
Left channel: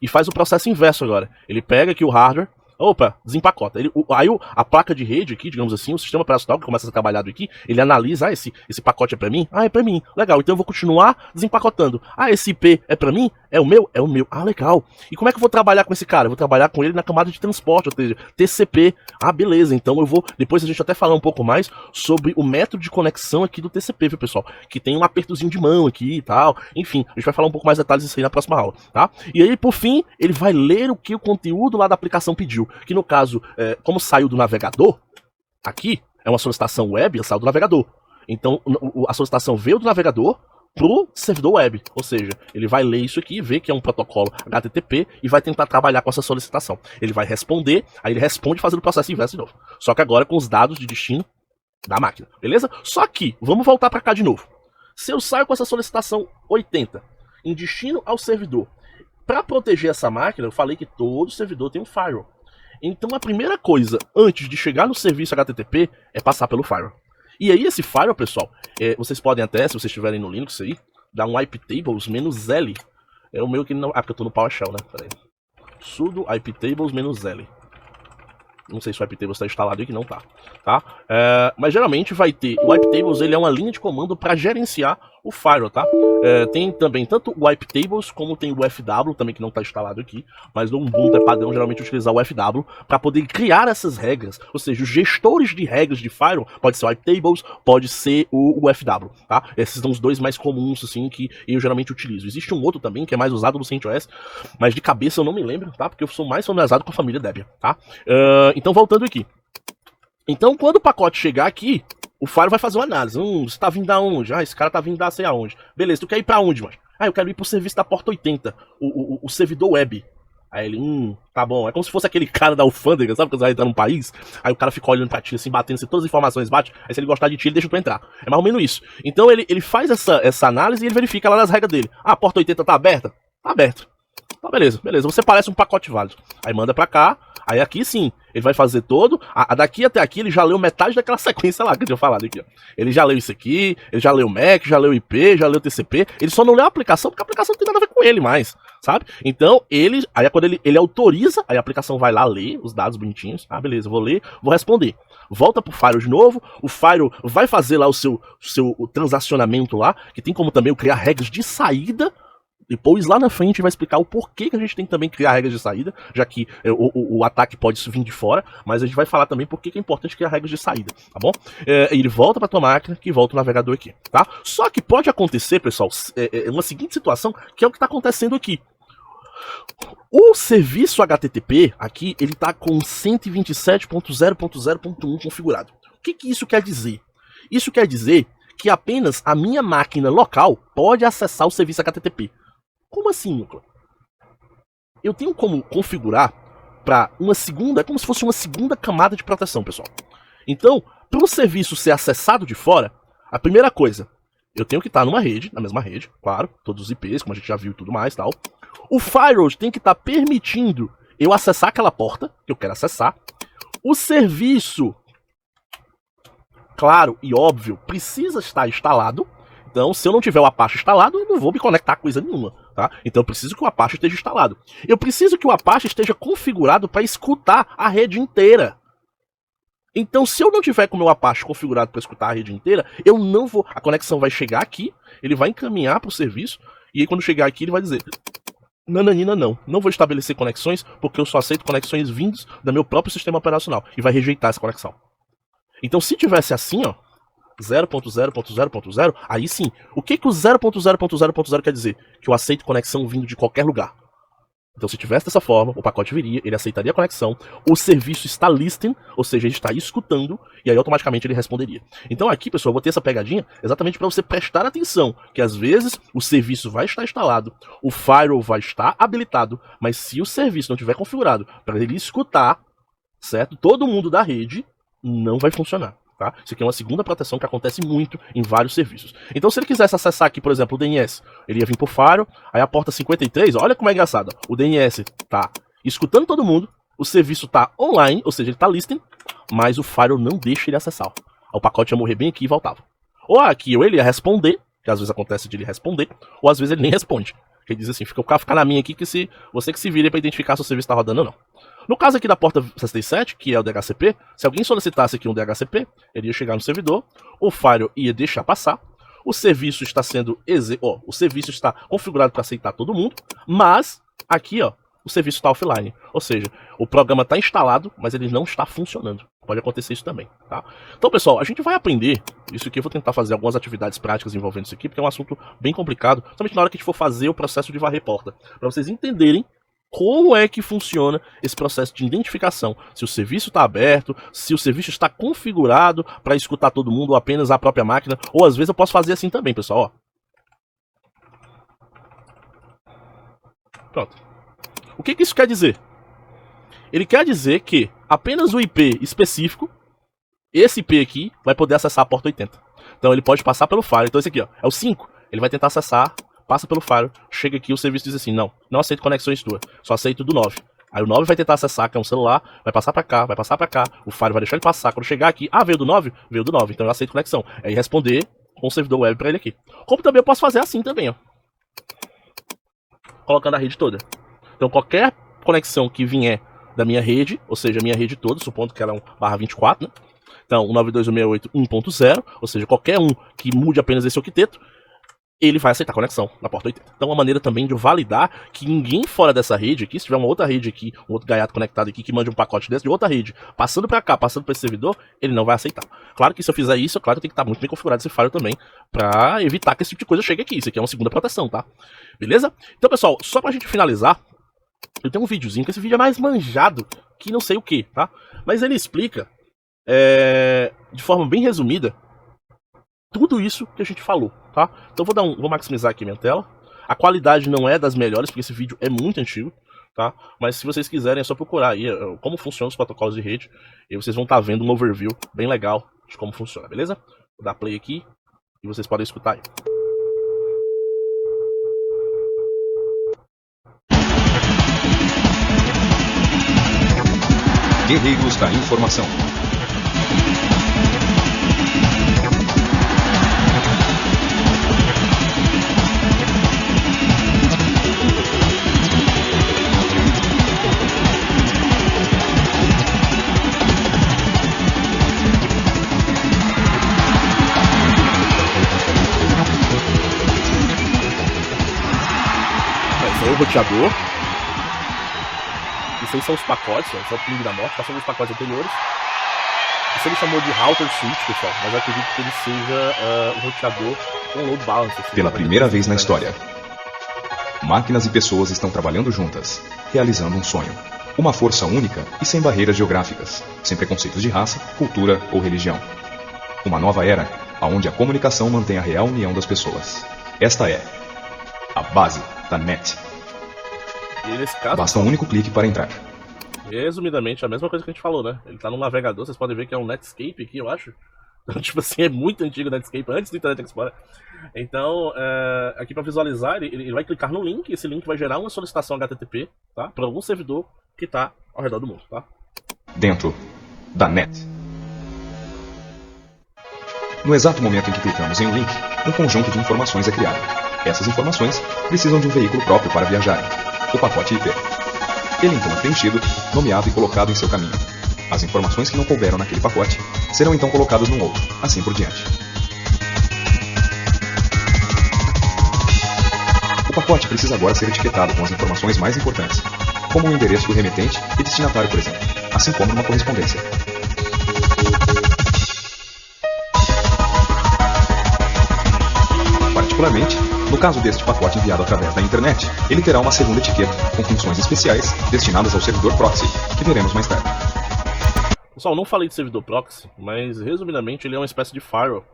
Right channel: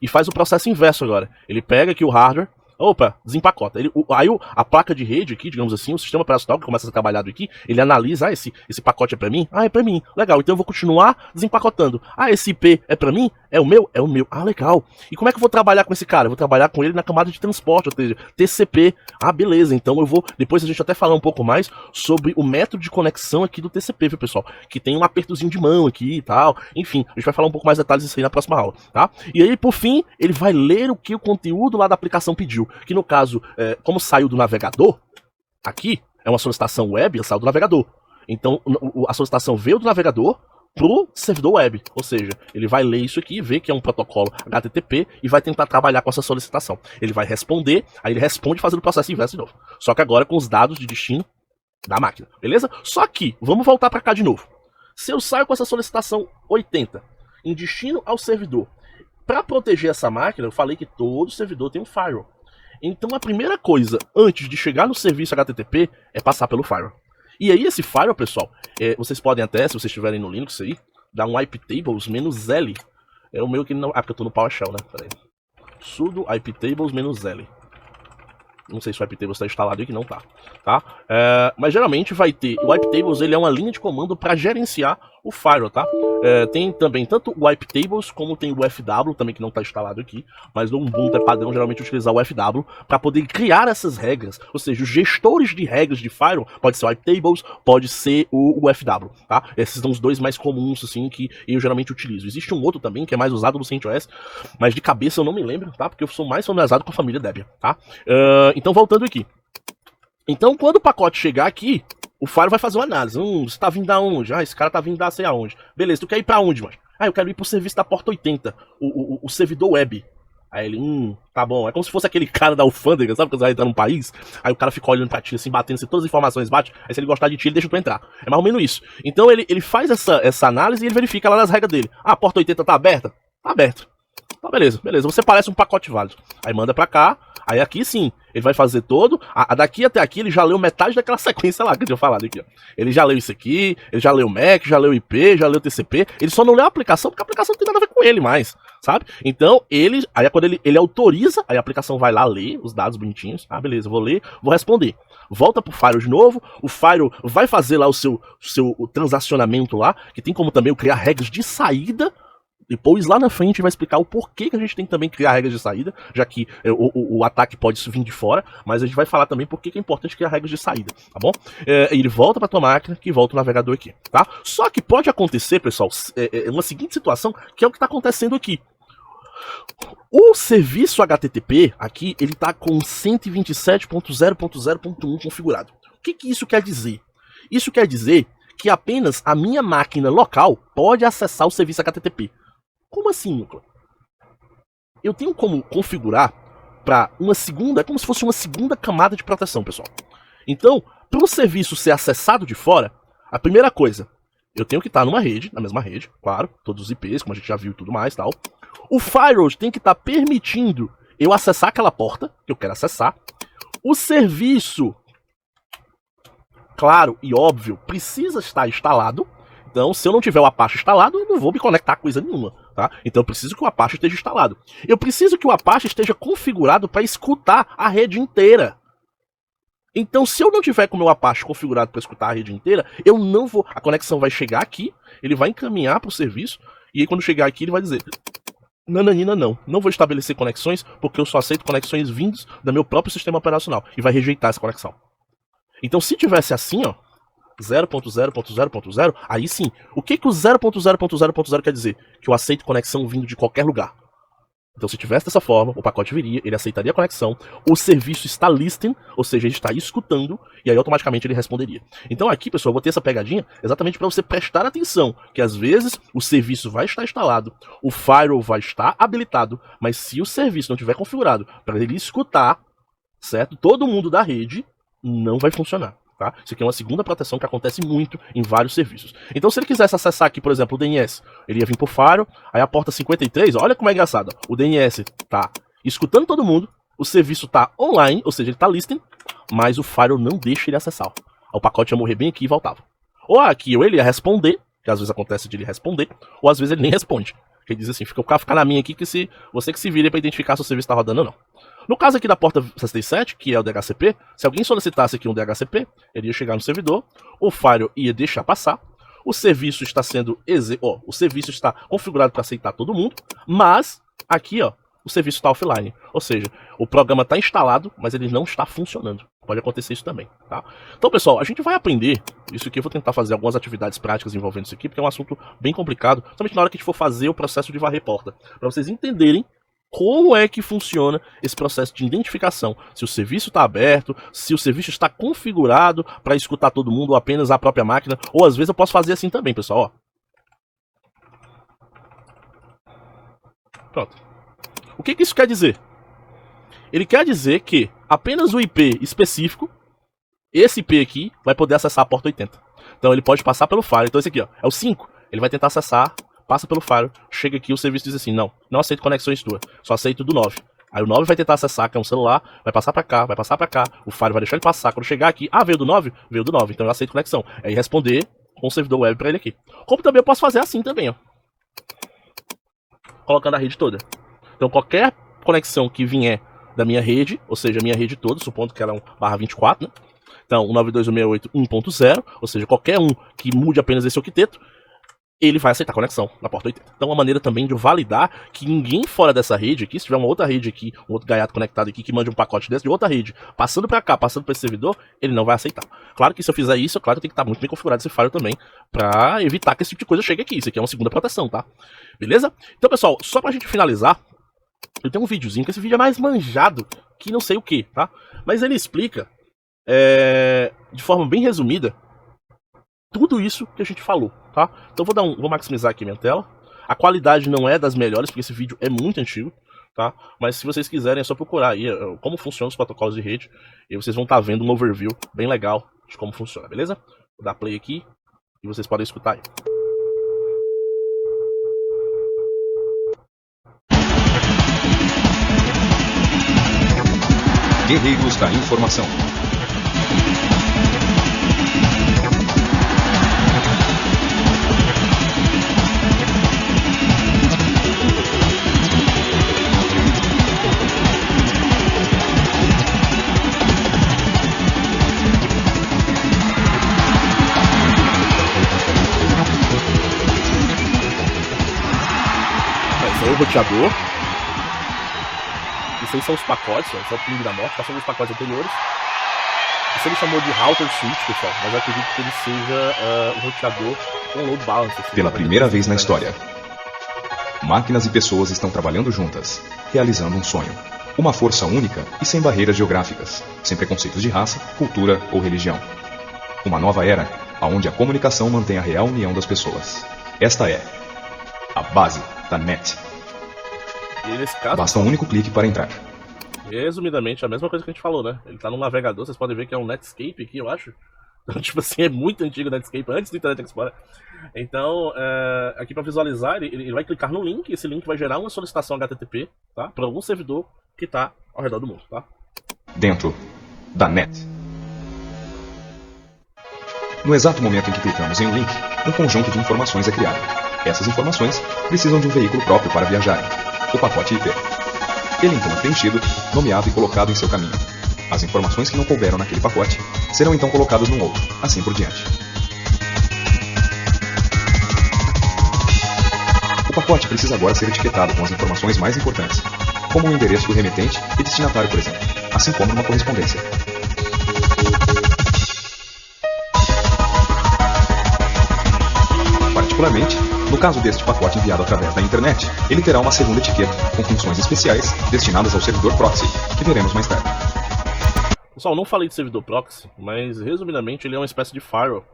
e faz o processo inverso agora. Ele pega aqui o hardware, opa, desempacota. Aí a placa de rede aqui, digamos assim, o sistema operacional que começa a ser trabalhado aqui, ele analisa, esse pacote é para mim? Ah, é para mim. Legal, então eu vou continuar desempacotando. Ah, esse IP é para mim? É o meu? É o meu. Ah, legal. E como é que eu vou trabalhar com esse cara? Eu vou trabalhar com ele na camada de transporte, ou seja, TCP. Ah, beleza, então eu vou... Depois a gente até falar um pouco mais sobre o método de conexão aqui do TCP, viu, pessoal? Que tem um apertozinho de mão aqui e tal. Enfim, a gente vai falar um pouco mais detalhes disso aí na próxima aula, tá? E aí, por fim, ele vai ler o que o conteúdo lá da aplicação pediu. Que no caso, como saiu do navegador, aqui é uma solicitação web, saiu do navegador. Então a solicitação veio do navegador pro servidor web, ou seja, ele vai ler isso aqui, ver que é um protocolo HTTP e vai tentar trabalhar com essa solicitação. Ele vai responder, aí ele responde fazendo o processo inverso de novo. Só que agora com os dados de destino da máquina, beleza? Só que, vamos voltar para cá de novo. Se eu saio com essa solicitação 80 em destino ao servidor, para proteger essa máquina, eu falei que todo servidor tem um firewall. Então a primeira coisa, antes de chegar no serviço HTTP, é passar pelo firewall. E aí esse firewall, pessoal, vocês podem até, se vocês estiverem no Linux aí, dar um iptables -L. É o meu que não... Ah, porque eu tô no PowerShell, né? Pera aí. Sudo iptables -L. Não sei se o iptables está instalado aí, que não tá. Mas geralmente vai ter... O iptables, ele é uma linha de comando para gerenciar o firewall, tá? Tem também tanto o iptables como tem o FW também, que não está instalado aqui, mas no Ubuntu é padrão geralmente utilizar o FW para poder criar essas regras, ou seja, os gestores de regras de firewall, pode ser o iptables, pode ser o FW, tá? Esses são os dois mais comuns, assim, que eu geralmente utilizo. Existe um outro também, que é mais usado no CentOS, mas de cabeça eu não me lembro, tá? Porque eu sou mais familiarizado com a família Debian, tá? Então, voltando aqui. Então, quando o pacote chegar aqui, o firewall vai fazer uma análise. Você tá vindo da onde? Ah, esse cara tá vindo da sei aonde. Beleza, tu quer ir pra onde, mano? Ah, eu quero ir pro serviço da porta 80, o servidor web. Aí ele, tá bom. É como se fosse aquele cara da alfândega, sabe? Quando você vai entrar num país, aí o cara fica olhando pra ti, assim, batendo, assim, todas as informações bate, aí se ele gostar de ti, ele deixa tu entrar. É mais ou menos isso. Então ele faz essa análise e ele verifica lá nas regras dele. Ah, a porta 80 tá aberta? Tá aberta. Tá, beleza. Você parece um pacote válido. Aí manda pra cá. Aí aqui sim, ele vai fazer todo. Daqui até aqui ele já leu metade daquela sequência lá que eu tinha falado aqui, ó. Ele já leu isso aqui, ele já leu o MAC, já leu o IP, já leu o TCP. Ele só não leu a aplicação porque a aplicação não tem nada a ver com ele mais, sabe? Então aí quando ele autoriza, aí a aplicação vai lá ler os dados bonitinhos. Ah, beleza, vou ler, vou responder. Volta pro firewall de novo, o firewall vai fazer lá o seu transacionamento lá, que tem como também eu criar regras de saída. Depois, lá na frente, vai explicar o porquê que a gente tem que também criar regras de saída, já que o ataque pode vir de fora, mas a gente vai falar também por que é importante criar regras de saída, tá bom? Ele volta para tua máquina, que volta o navegador aqui, tá? Só que pode acontecer, pessoal, uma seguinte situação, que é o que está acontecendo aqui. O serviço HTTP, aqui, ele está com 127.0.0.1 configurado. O que isso quer dizer? Isso quer dizer que apenas a minha máquina local pode acessar o serviço HTTP. Como assim, Nicolas? Eu tenho como configurar para uma segunda, é como se fosse uma segunda camada de proteção, pessoal. Então, para o serviço ser acessado de fora, a primeira coisa, eu tenho que estar numa rede, na mesma rede, claro, todos os IPs, como a gente já viu e tudo mais, tal. O firewall tem que estar permitindo eu acessar aquela porta que eu quero acessar. O serviço, claro e óbvio, precisa estar instalado. Então, se eu não tiver o Apache instalado, eu não vou me conectar a coisa nenhuma, tá? Então, eu preciso que o Apache esteja instalado. Eu preciso que o Apache esteja configurado para escutar a rede inteira. Então, se eu não tiver com o meu Apache configurado para escutar a rede inteira, eu não vou... A conexão vai chegar aqui, ele vai encaminhar para o serviço, e aí quando chegar aqui ele vai dizer... Nananina, não vou estabelecer conexões, porque eu só aceito conexões vindas do meu próprio sistema operacional, e vai rejeitar essa conexão. Então, se tivesse assim, ó, 0.0.0.0, aí sim. O que o 0.0.0.0 quer dizer? Que eu aceito conexão vindo de qualquer lugar. Então, se tivesse dessa forma, o pacote viria, ele aceitaria a conexão, o serviço está listening, ou seja, ele está escutando, e aí automaticamente ele responderia. Então aqui, pessoal, eu vou ter essa pegadinha exatamente para você prestar atenção, que às vezes o serviço vai estar instalado, o firewall vai estar habilitado, mas se o serviço não estiver configurado para ele escutar, certo? Todo mundo da rede não vai funcionar. Tá? Isso aqui é uma segunda proteção que acontece muito em vários serviços. Então, se ele quisesse acessar aqui, por exemplo, o DNS, ele ia vir por Firewall, aí a porta 53, olha como é engraçado. O DNS tá escutando todo mundo, o serviço tá online, ou seja, ele tá listening, mas o Firewall não deixa ele acessar. O pacote ia morrer bem aqui e voltava. Ou aqui, ou ele ia responder, que às vezes acontece de ele responder, ou às vezes ele nem responde. Ele diz assim, fica na minha aqui, que se você que se vire para identificar se o serviço tá rodando ou não. No caso aqui da porta 67, que é o DHCP, se alguém solicitasse aqui um DHCP, ele ia chegar no servidor, o firewall ia deixar passar, o serviço está sendo o serviço está configurado para aceitar todo mundo, mas aqui, ó, o serviço está offline, ou seja, o programa está instalado, mas ele não está funcionando. Pode acontecer isso também, tá? Então, pessoal, a gente vai aprender isso aqui. Eu vou tentar fazer algumas atividades práticas envolvendo isso aqui, porque é um assunto bem complicado, somente na hora que a gente for fazer o processo de varrer porta, para vocês entenderem como é que funciona esse processo de identificação, se o serviço está aberto, se o serviço está configurado para escutar todo mundo ou apenas a própria máquina, ou às vezes eu posso fazer assim também, pessoal, ó. Pronto. O que isso quer dizer? Ele quer dizer que apenas o IP específico, esse IP aqui, vai poder acessar a porta 80. Então ele pode passar pelo firewall. Então esse aqui, ó, é o 5. Ele vai tentar acessar, passa pelo firewall, chega aqui, o serviço diz assim, não aceito conexões tuas, só aceito do 9. Aí o 9 vai tentar acessar, que é um celular, vai passar pra cá, o firewall vai deixar ele passar. Quando chegar aqui, veio do 9? Veio do 9, então eu aceito conexão. Aí responder com o servidor web pra ele aqui. Como também eu posso fazer assim também, ó. Colocando a rede toda. Então qualquer conexão que vier da minha rede, ou seja, a minha rede toda, supondo que ela é um /24, né? Então, 192.168.1.0, ou seja, qualquer um que mude apenas esse octeto, ele vai aceitar a conexão na porta 80. Então, uma maneira também de validar que ninguém fora dessa rede aqui, se tiver uma outra rede aqui, um outro gaiato conectado aqui que mande um pacote desse de outra rede, passando para cá, passando para esse servidor, ele não vai aceitar. Claro que se eu fizer isso, claro que tem que estar muito bem configurado esse firewall também, para evitar que esse tipo de coisa chegue aqui. Isso aqui é uma segunda proteção, tá? Beleza? Então, pessoal, só pra gente finalizar, eu tenho um videozinho, que esse vídeo é mais manjado que não sei o que, tá? Mas ele explica, de forma bem resumida, tudo isso que a gente falou, tá? Então vou maximizar aqui minha tela. A qualidade não é das melhores, porque esse vídeo é muito antigo, tá? Mas se vocês quiserem, é só procurar aí como funcionam os protocolos de rede, e vocês vão estar vendo um overview bem legal de como funciona, beleza? Vou dar play aqui e vocês podem escutar aí. Guerreiros da Informação. Esse aí é o roteador. Isso aí são os pacotes, ó, são o ping da morte, passando os pacotes anteriores. Isso ele chamou de router switch, pessoal, mas eu acredito que ele seja um roteador com load balancer. Pela primeira vez na história, máquinas e pessoas estão trabalhando juntas, realizando um sonho. Uma força única e sem barreiras geográficas, sem preconceitos de raça, cultura ou religião. Uma nova era, onde a comunicação mantém a real união das pessoas. Esta é a base da NET. E nesse caso, basta um único clique para entrar. Resumidamente, a mesma coisa que a gente falou, né? Ele tá no navegador, vocês podem ver que é um Netscape aqui, eu acho. Então, tipo assim, é muito antigo o Netscape, antes do Internet Explorer. Então, aqui para visualizar, ele vai clicar no link, esse link vai gerar uma solicitação HTTP, tá? Para algum servidor que tá ao redor do mundo, tá? Dentro da NET. No exato momento em que clicamos em um link, um conjunto de informações é criado. Essas informações precisam de um veículo próprio para viajarem, o pacote IP. Ele então é preenchido, nomeado e colocado em seu caminho. As informações que não couberam naquele pacote serão então colocadas num outro, assim por diante. O pacote precisa agora ser etiquetado com as informações mais importantes, como o endereço do remetente e destinatário, por exemplo, assim como numa correspondência. Particularmente, no caso deste pacote enviado através da internet, ele terá uma segunda etiqueta com funções especiais destinadas ao servidor proxy, que veremos mais tarde. Pessoal, não falei de servidor proxy, mas resumidamente ele é uma espécie de firewall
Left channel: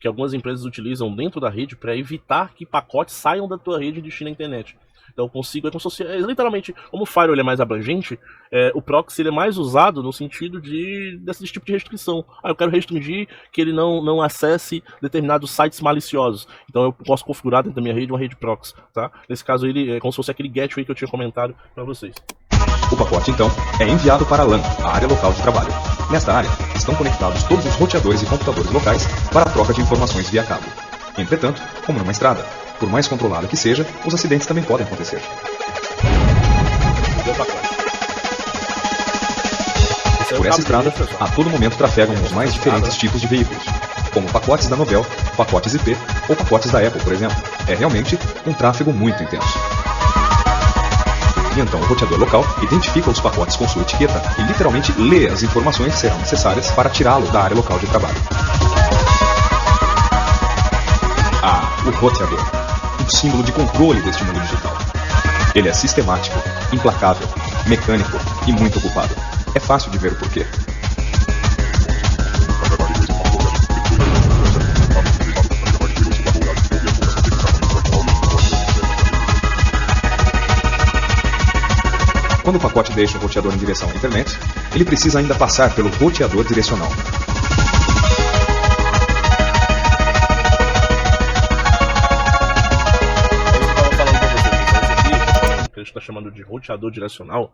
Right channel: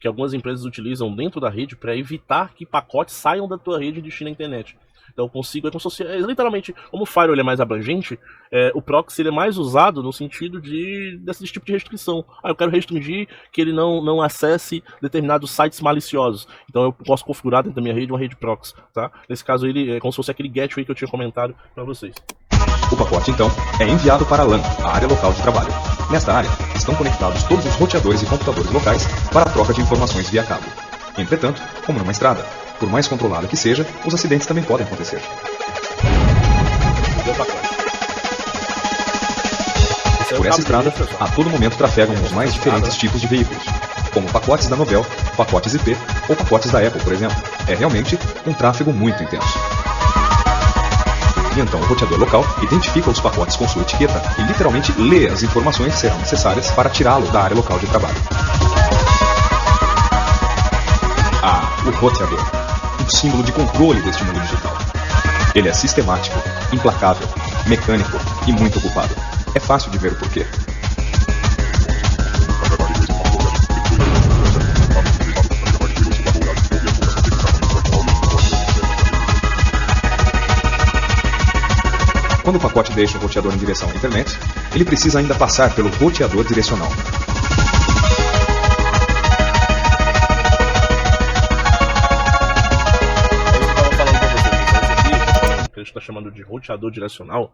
que algumas empresas utilizam dentro da rede para evitar que pacotes saiam da tua rede e destinem a internet. Então eu consigo, é como se fosse, literalmente, como o firewall ele é mais abrangente, o proxy ele é mais usado no sentido desse tipo de restrição. Eu quero restringir que ele não acesse determinados sites maliciosos. Então eu posso configurar dentro da minha rede uma rede proxy, tá? Nesse caso ele é como se fosse aquele gateway que eu tinha comentado para vocês. O pacote, então, é enviado para a LAN, a área local de trabalho. Nesta área, estão conectados todos os roteadores e computadores locais para a troca de informações via cabo. Entretanto, como numa estrada, por mais controlada que seja, os acidentes também podem acontecer. Por essa estrada, a todo momento trafegam os mais diferentes tipos de veículos, como pacotes da Novell, pacotes IP ou pacotes da Apple, por exemplo. É realmente um tráfego muito intenso. E então o roteador local identifica os pacotes com sua etiqueta e literalmente lê as informações que serão necessárias para tirá-lo da área local de trabalho. O roteador, um símbolo de controle deste mundo digital. Ele é sistemático, implacável, mecânico e muito ocupado. É fácil de ver o porquê. Quando o pacote deixa o roteador em direção à internet, ele precisa ainda passar pelo roteador direcional. Que a gente está chamando de roteador direcional.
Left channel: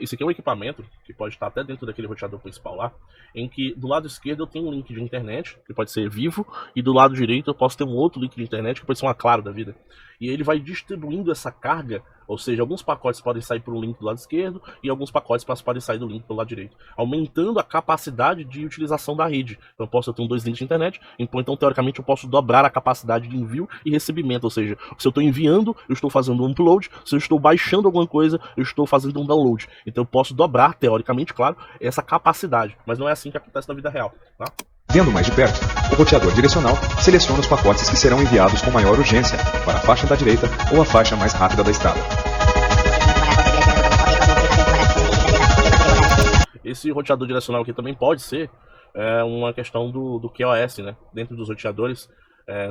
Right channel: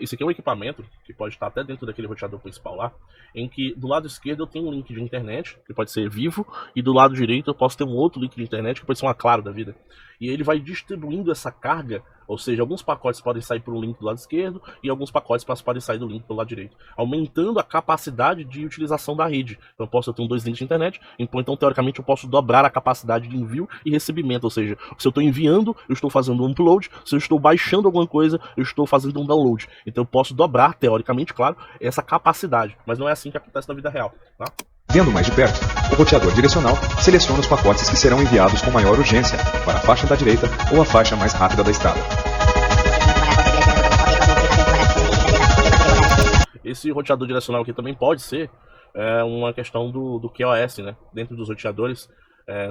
Isso aqui é um equipamento que pode estar até dentro daquele roteador principal lá, em que do lado esquerdo eu tenho um link de internet, que pode ser vivo, e do lado direito eu posso ter um outro link de internet, que pode ser uma Claro da vida. E ele vai distribuindo essa carga, ou seja, alguns pacotes podem sair por um link do lado esquerdo, e alguns pacotes podem sair do link pelo lado direito, aumentando a capacidade de utilização da rede. Então eu posso ter dois links de internet, então teoricamente eu posso dobrar a capacidade de envio e recebimento, ou seja, se eu estou enviando, eu estou fazendo um upload, se eu estou baixando alguma coisa, eu estou fazendo um download. Então eu posso dobrar, teoricamente, claro, essa capacidade, mas não é assim que acontece na vida real, tá? Vendo mais de perto, o roteador direcional seleciona os pacotes que serão enviados com maior urgência para a faixa da direita ou a faixa mais rápida da estrada. Esse roteador direcional aqui também pode ser uma questão do QoS, né? Dentro dos roteadores,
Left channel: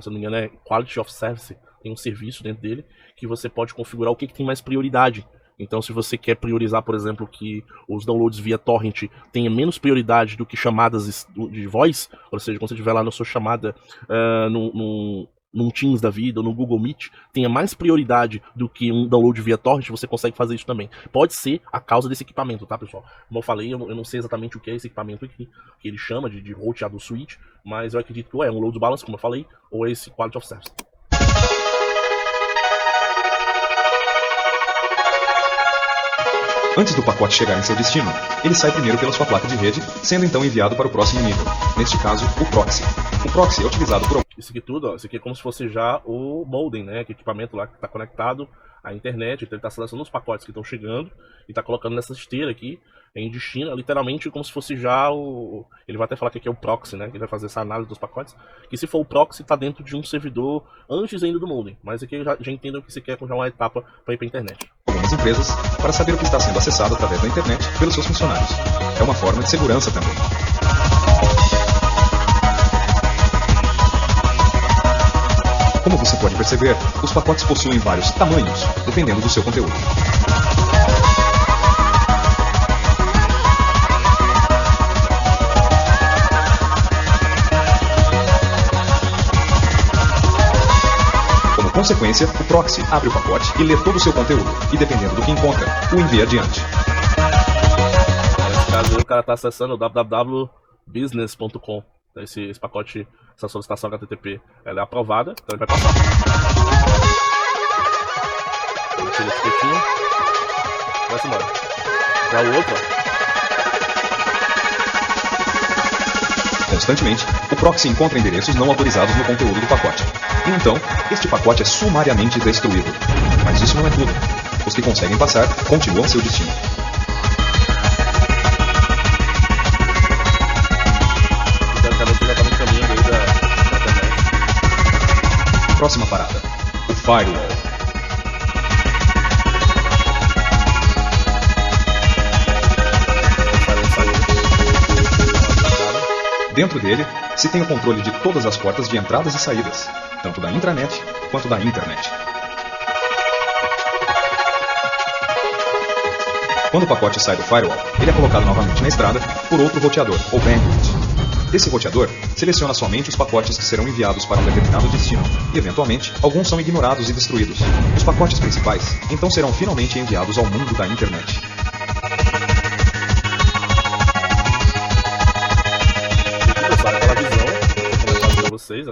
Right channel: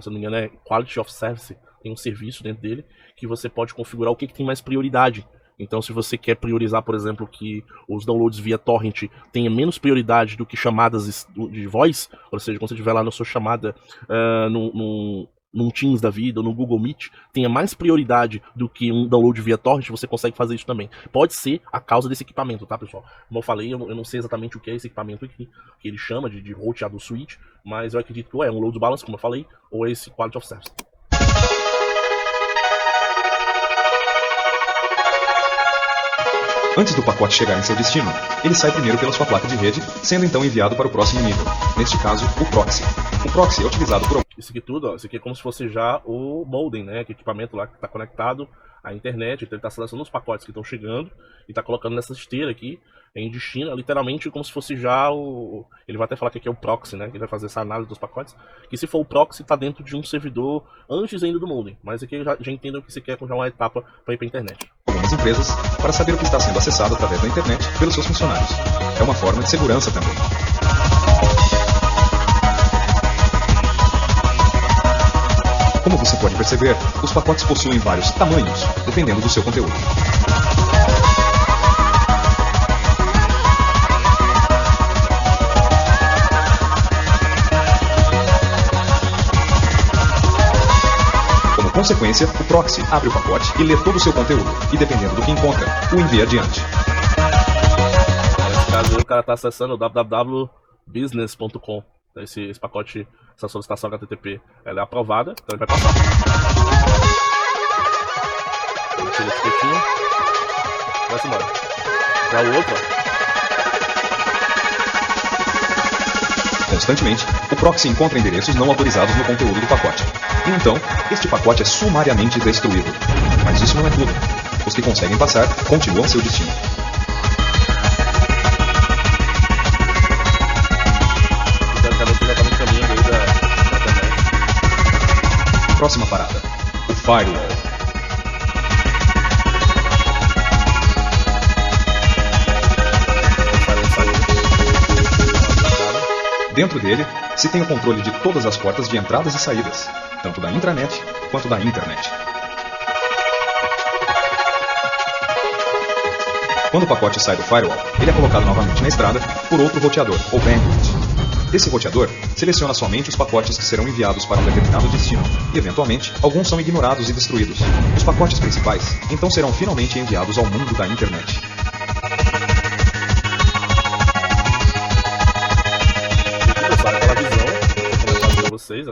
se eu não me engano é Quality of Service, tem um serviço dentro dele que você pode configurar o que tem mais prioridade. Então, se você quer priorizar, por exemplo, que os downloads via torrent tenham menos prioridade do que chamadas de voz, ou seja, quando você estiver lá na sua chamada num Teams da vida ou no Google Meet, tenha mais prioridade do que um download via torrent, você consegue fazer isso também. Pode ser a causa desse equipamento, tá, pessoal? Como eu falei, eu não sei exatamente o que é esse equipamento aqui, que ele chama de roteador switch, mas eu acredito que ou é um load balance, como eu falei, ou é esse quality of service. Antes do pacote chegar em seu destino, ele sai primeiro pela sua placa de rede, sendo então enviado para o próximo nível, neste caso, o proxy. O proxy é utilizado por... Isso aqui tudo, isso aqui é como se fosse já o modem, né? Que equipamento lá que está conectado à internet, então ele está selecionando os pacotes que estão chegando e está colocando nessa esteira aqui em destino, literalmente como se fosse já o... Ele vai até falar que aqui é o proxy, né? Que ele vai fazer essa análise dos pacotes, que se for o proxy está dentro de um servidor antes ainda do modem, mas aqui já entendo que isso aqui é já uma etapa para ir para a internet. Algumas empresas para saber o que está sendo acessado através da internet pelos seus funcionários. É uma forma de segurança também. Como você pode perceber, os pacotes possuem vários tamanhos, dependendo do seu conteúdo. Como consequência, o proxy abre o pacote e lê todo o seu conteúdo, e dependendo do que encontra, o envia adiante. Nesse caso, o cara está acessando o www.business.com. Esse pacote, essa solicitação HTTP, ela é aprovada, então ele vai passar. Ele tira a etiquetinha, vai-se embora. Já o outro, Constantemente, o proxy encontra endereços não autorizados no conteúdo do pacote. E então, este pacote é sumariamente destruído. Mas isso não é tudo. Os que conseguem passar continuam seu destino. Próxima parada, o Firewall. Dentro dele, se tem o controle de todas as portas de entradas e saídas, tanto da intranet quanto da internet. Quando o pacote sai do firewall, ele é colocado novamente na estrada por outro roteador, ou bandwidth. Esse roteador seleciona somente os pacotes que serão enviados para um determinado destino, e eventualmente, alguns são ignorados e destruídos. Os pacotes principais, então, serão finalmente enviados ao mundo da internet. Vocês, ó.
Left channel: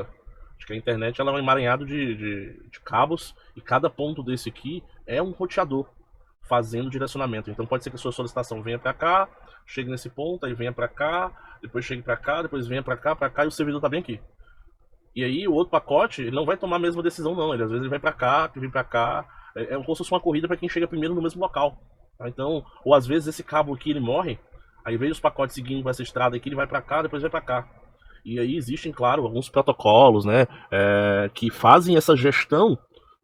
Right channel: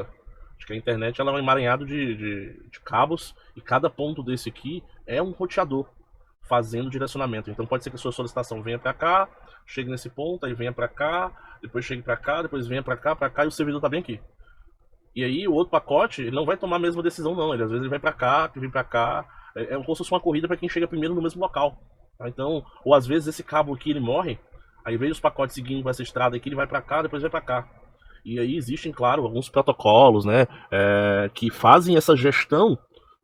Acho que a internet ela é um emaranhado de cabos e cada ponto desse aqui é um roteador fazendo direcionamento. Então pode ser que a sua solicitação venha para cá, chegue nesse ponto, aí venha para cá, depois chegue para cá, depois venha para cá e o servidor tá bem aqui. E aí o outro pacote ele não vai tomar a mesma decisão não, ele às vezes ele vai para cá, que vem para cá, é como se fosse uma corrida para quem chega primeiro no mesmo local. Tá? Então, ou às vezes esse cabo aqui ele morre, aí vem os pacotes seguindo essa estrada aqui, ele vai para cá, depois vai para cá. E aí existem, claro, alguns protocolos, né, que fazem essa gestão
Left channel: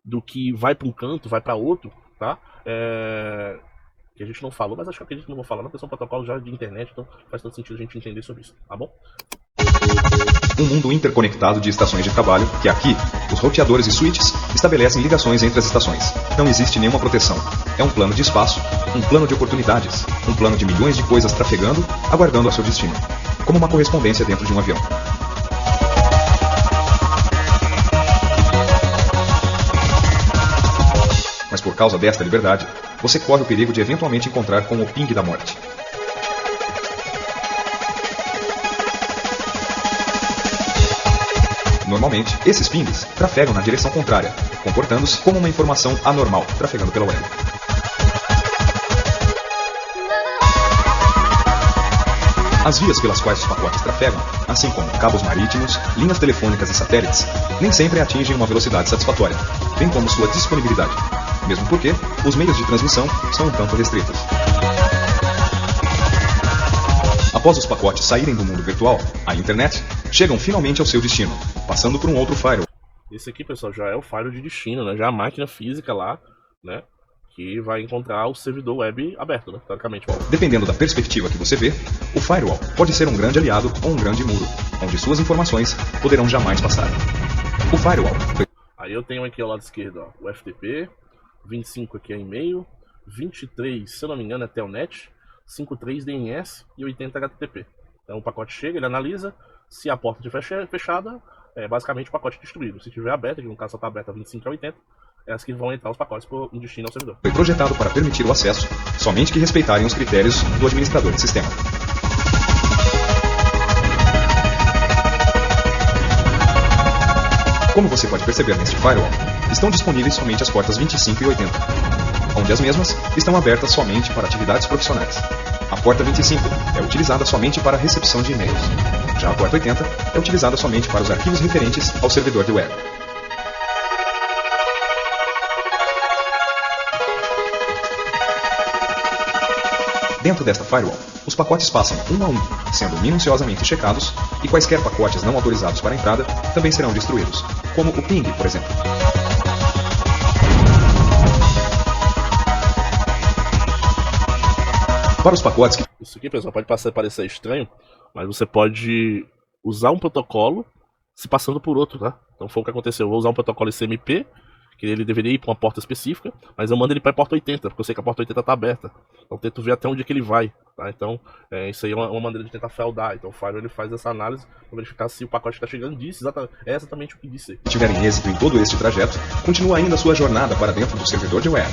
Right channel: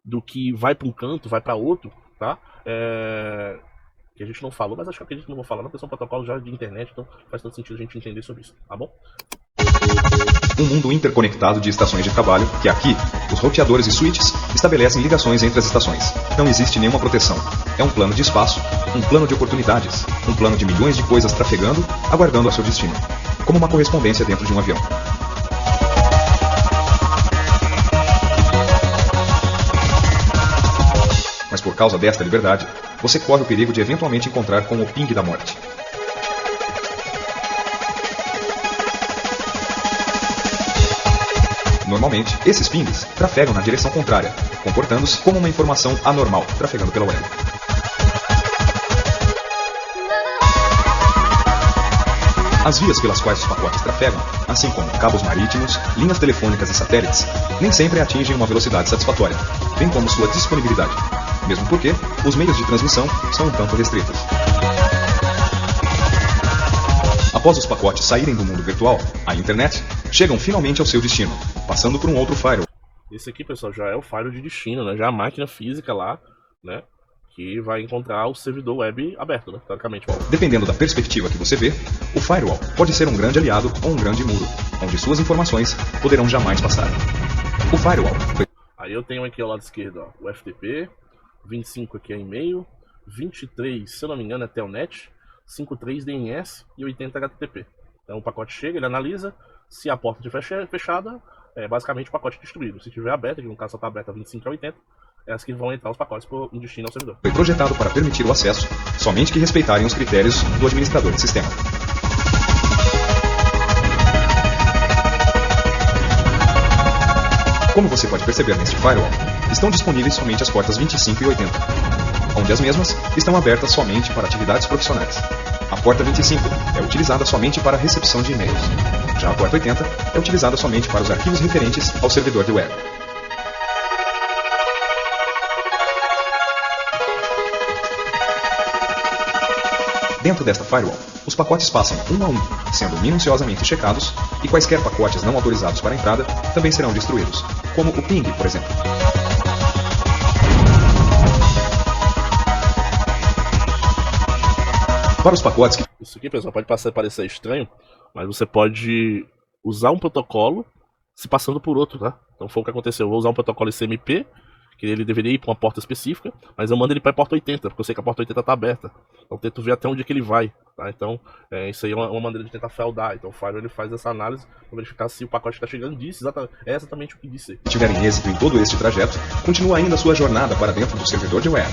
do que vai para um canto, vai para outro, tá? Que a gente não falou, mas acho que eu acredito que não vou falar, não, porque são protocolos já de internet, então faz todo sentido a gente entender sobre isso, tá bom? Um mundo interconectado de estações de trabalho, que aqui, os roteadores e switches estabelecem ligações entre as estações. Não existe nenhuma proteção. É um plano de espaço, um plano de oportunidades, um plano de milhões de coisas trafegando, aguardando a seu destino. Como uma correspondência dentro de um avião. Mas por causa desta liberdade, você corre o perigo de eventualmente encontrar com o ping da morte. Normalmente, esses pings trafegam na direção contrária, comportando-se como uma informação anormal, trafegando pela web. As vias pelas quais os pacotes trafegam, assim como cabos marítimos, linhas telefônicas e satélites, nem sempre atingem uma velocidade satisfatória, bem como sua disponibilidade, mesmo porque os meios de transmissão são um tanto restritos. Após os pacotes saírem do mundo virtual, a internet, chegam finalmente ao seu destino, passando por um outro firewall. Esse aqui, pessoal, já é o firewall de destino, né? Já é a máquina física lá, né? Que vai encontrar o servidor web aberto, né? Teoricamente. Dependendo da perspectiva que você vê, o firewall pode ser um grande aliado ou um grande muro, onde suas informações poderão jamais passar. O firewall... Aí eu tenho aqui ao lado esquerdo, ó, o FTP, 25 aqui é e-mail, 23, se eu não me engano, é Telnet, 53 DNS e 80 HTTP. Então o pacote chega, ele analisa, se a porta estiver fechada, é basicamente o pacote destruído. Se estiver aberta, que no caso só está aberta 25 a 80, é as que vão entrar os pacotes em destino ao servidor. Foi projetado para permitir o acesso, somente que respeitarem os critérios do administrador de sistema. Como você pode perceber neste firewall, estão disponíveis somente as portas 25 e 80, onde as mesmas estão abertas somente para atividades profissionais. A porta 25 é utilizada somente para a recepção de e-mails. Já a porta 80 é utilizada somente para os arquivos referentes ao servidor de web. Dentro desta firewall, os pacotes passam um a um, sendo minuciosamente checados, e quaisquer pacotes não autorizados para a entrada também serão destruídos, como o ping, por exemplo. Para os pacotes que... Isso aqui, pessoal, pode parecer estranho, mas você pode usar um protocolo se passando por outro, tá? Então foi o que aconteceu. Eu vou usar um protocolo ICMP, que ele deveria ir para uma porta específica, mas eu mando ele para a porta 80, porque eu sei que a porta 80 está aberta. Então eu tento ver até onde é que ele vai, tá? Então isso aí é uma maneira de tentar feldar. Então o firewall ele faz essa análise para verificar se o pacote que está chegando disse exatamente o que disse. Se tiverem êxito em todo este trajeto, continua ainda a sua jornada para dentro do servidor de web.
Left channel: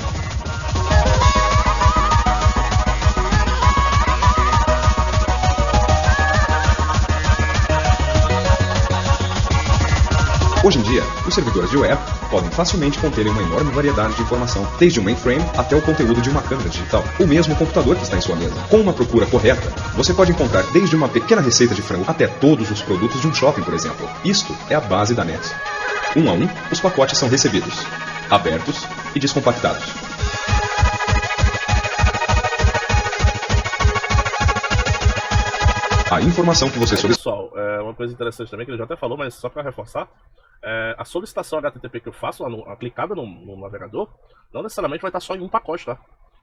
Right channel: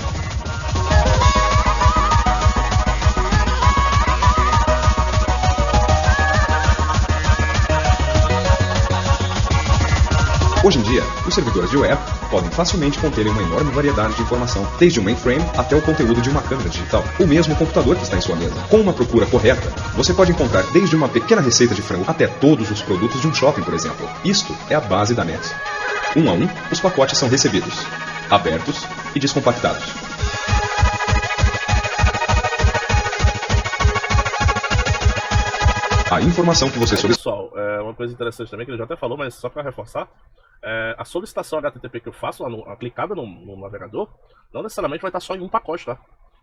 Hoje em dia, os servidores de web podem facilmente conter uma enorme variedade de informação, desde um mainframe até o conteúdo de uma câmera digital, ou mesmo o computador que está em sua mesa. Com uma procura correta, você pode encontrar desde uma pequena receita de frango até todos os produtos de um shopping, por exemplo. Isto é a base da net. Um a um, os pacotes são recebidos, abertos e descompactados. A informação que você solicita. Pessoal, uma coisa interessante também que ele já até falou, mas só para reforçar, A solicitação HTTP que eu faço, clicada no navegador, não necessariamente vai estar só em um pacote, tá?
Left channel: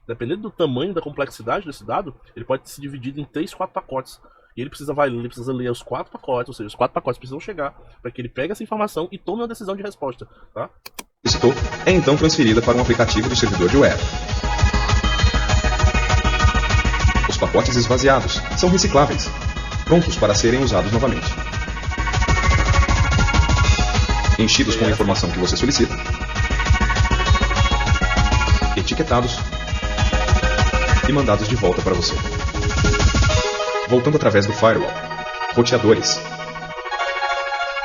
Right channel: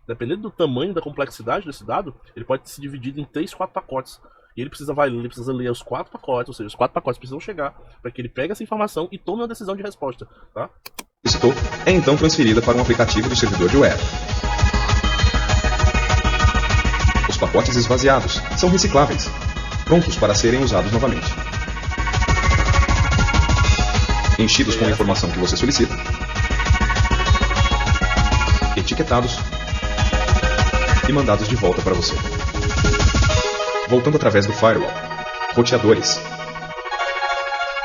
Dependendo do tamanho, da complexidade desse dado, ele pode ser dividido em 3, 4 pacotes. E ele precisa ler os 4 pacotes, ou seja, os 4 pacotes precisam chegar para que ele pegue essa informação e tome uma decisão de resposta, tá? Solicitou, é então transferida para um aplicativo do servidor de web. Os pacotes esvaziados são recicláveis, prontos para serem usados novamente. Enchidos com a informação que você solicita, etiquetados e mandados de volta para você. Voltando através do firewall, roteadores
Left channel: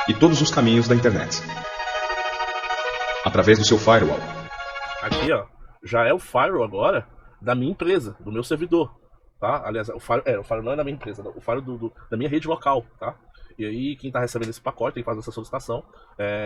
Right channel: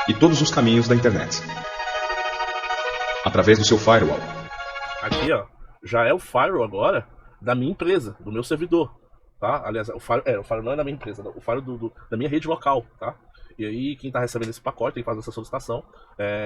e todos os caminhos da internet. Através do seu firewall. Aqui, ó, já é o firewall agora da minha empresa, do meu servidor, tá? Aliás, o firewall não é da minha empresa, não, o firewall da minha rede local, tá? E aí, quem está recebendo esse pacote, quem faz essa solicitação,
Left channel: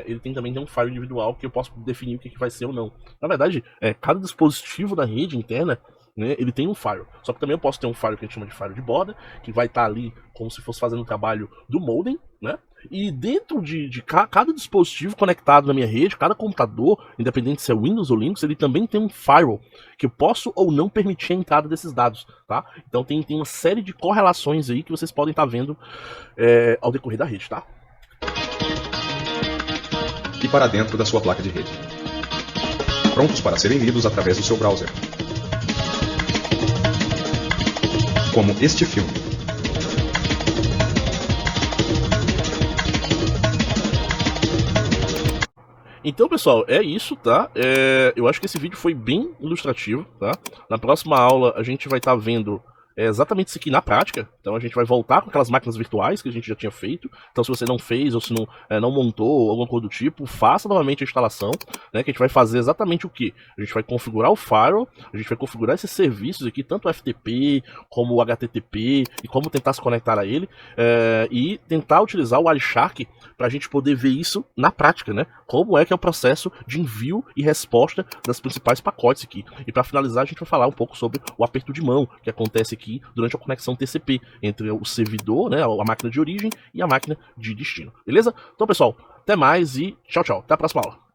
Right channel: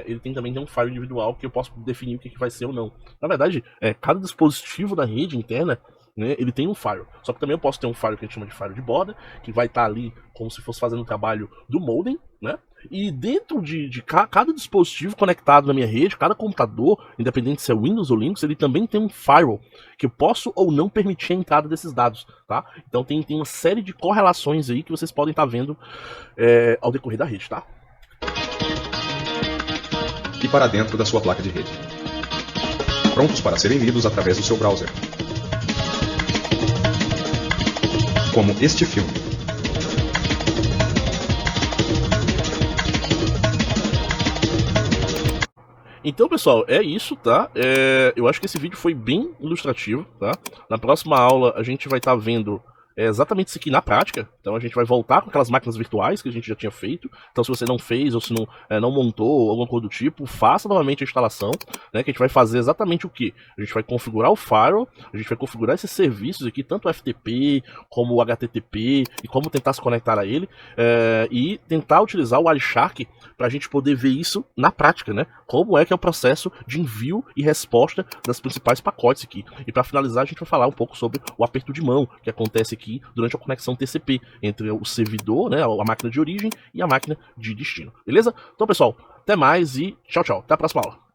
ele também tem um firewall individual que eu posso definir o que vai ser ou não. Na verdade, cada dispositivo da rede interna, né, ele tem um firewall. Só que também eu posso ter um firewall que a gente chama de firewall de borda, que vai estar ali como se fosse fazendo o trabalho do modem, né? E dentro de cada dispositivo conectado na minha rede, cada computador, independente se é Windows ou Linux, ele também tem um firewall que eu posso ou não permitir a entrada desses dados, tá? Então tem uma série de correlações aí que vocês podem estar vendo ao decorrer da rede, tá? E para dentro da sua placa de rede. Prontos para serem lidos através do seu browser. Como este filme. Então, pessoal, é isso, tá? Eu acho que esse vídeo foi bem ilustrativo, tá? Na próxima aula a gente vai estar vendo exatamente isso aqui na prática. Então a gente vai voltar com aquelas máquinas virtuais que a gente já tinha feito. Então se você não fez ou se não montou alguma coisa do tipo, faça novamente a instalação, né? Que a gente vai fazer exatamente o que? A gente vai configurar o firewall, a gente vai configurar esses serviços aqui, tanto o FTP como o HTTP, e como tentar se conectar a ele, e tentar utilizar o Wireshark para a gente poder ver isso na prática, né? Como é que é o processo de envio e resposta das principais pacotes aqui. E para finalizar, a gente vai falar um pouco sobre o aperto de mão que acontece aqui durante a conexão TCP entre o servidor, né, a máquina de origem e a máquina de destino. Beleza? Então, pessoal, até mais e tchau, tchau. Até a próxima aula.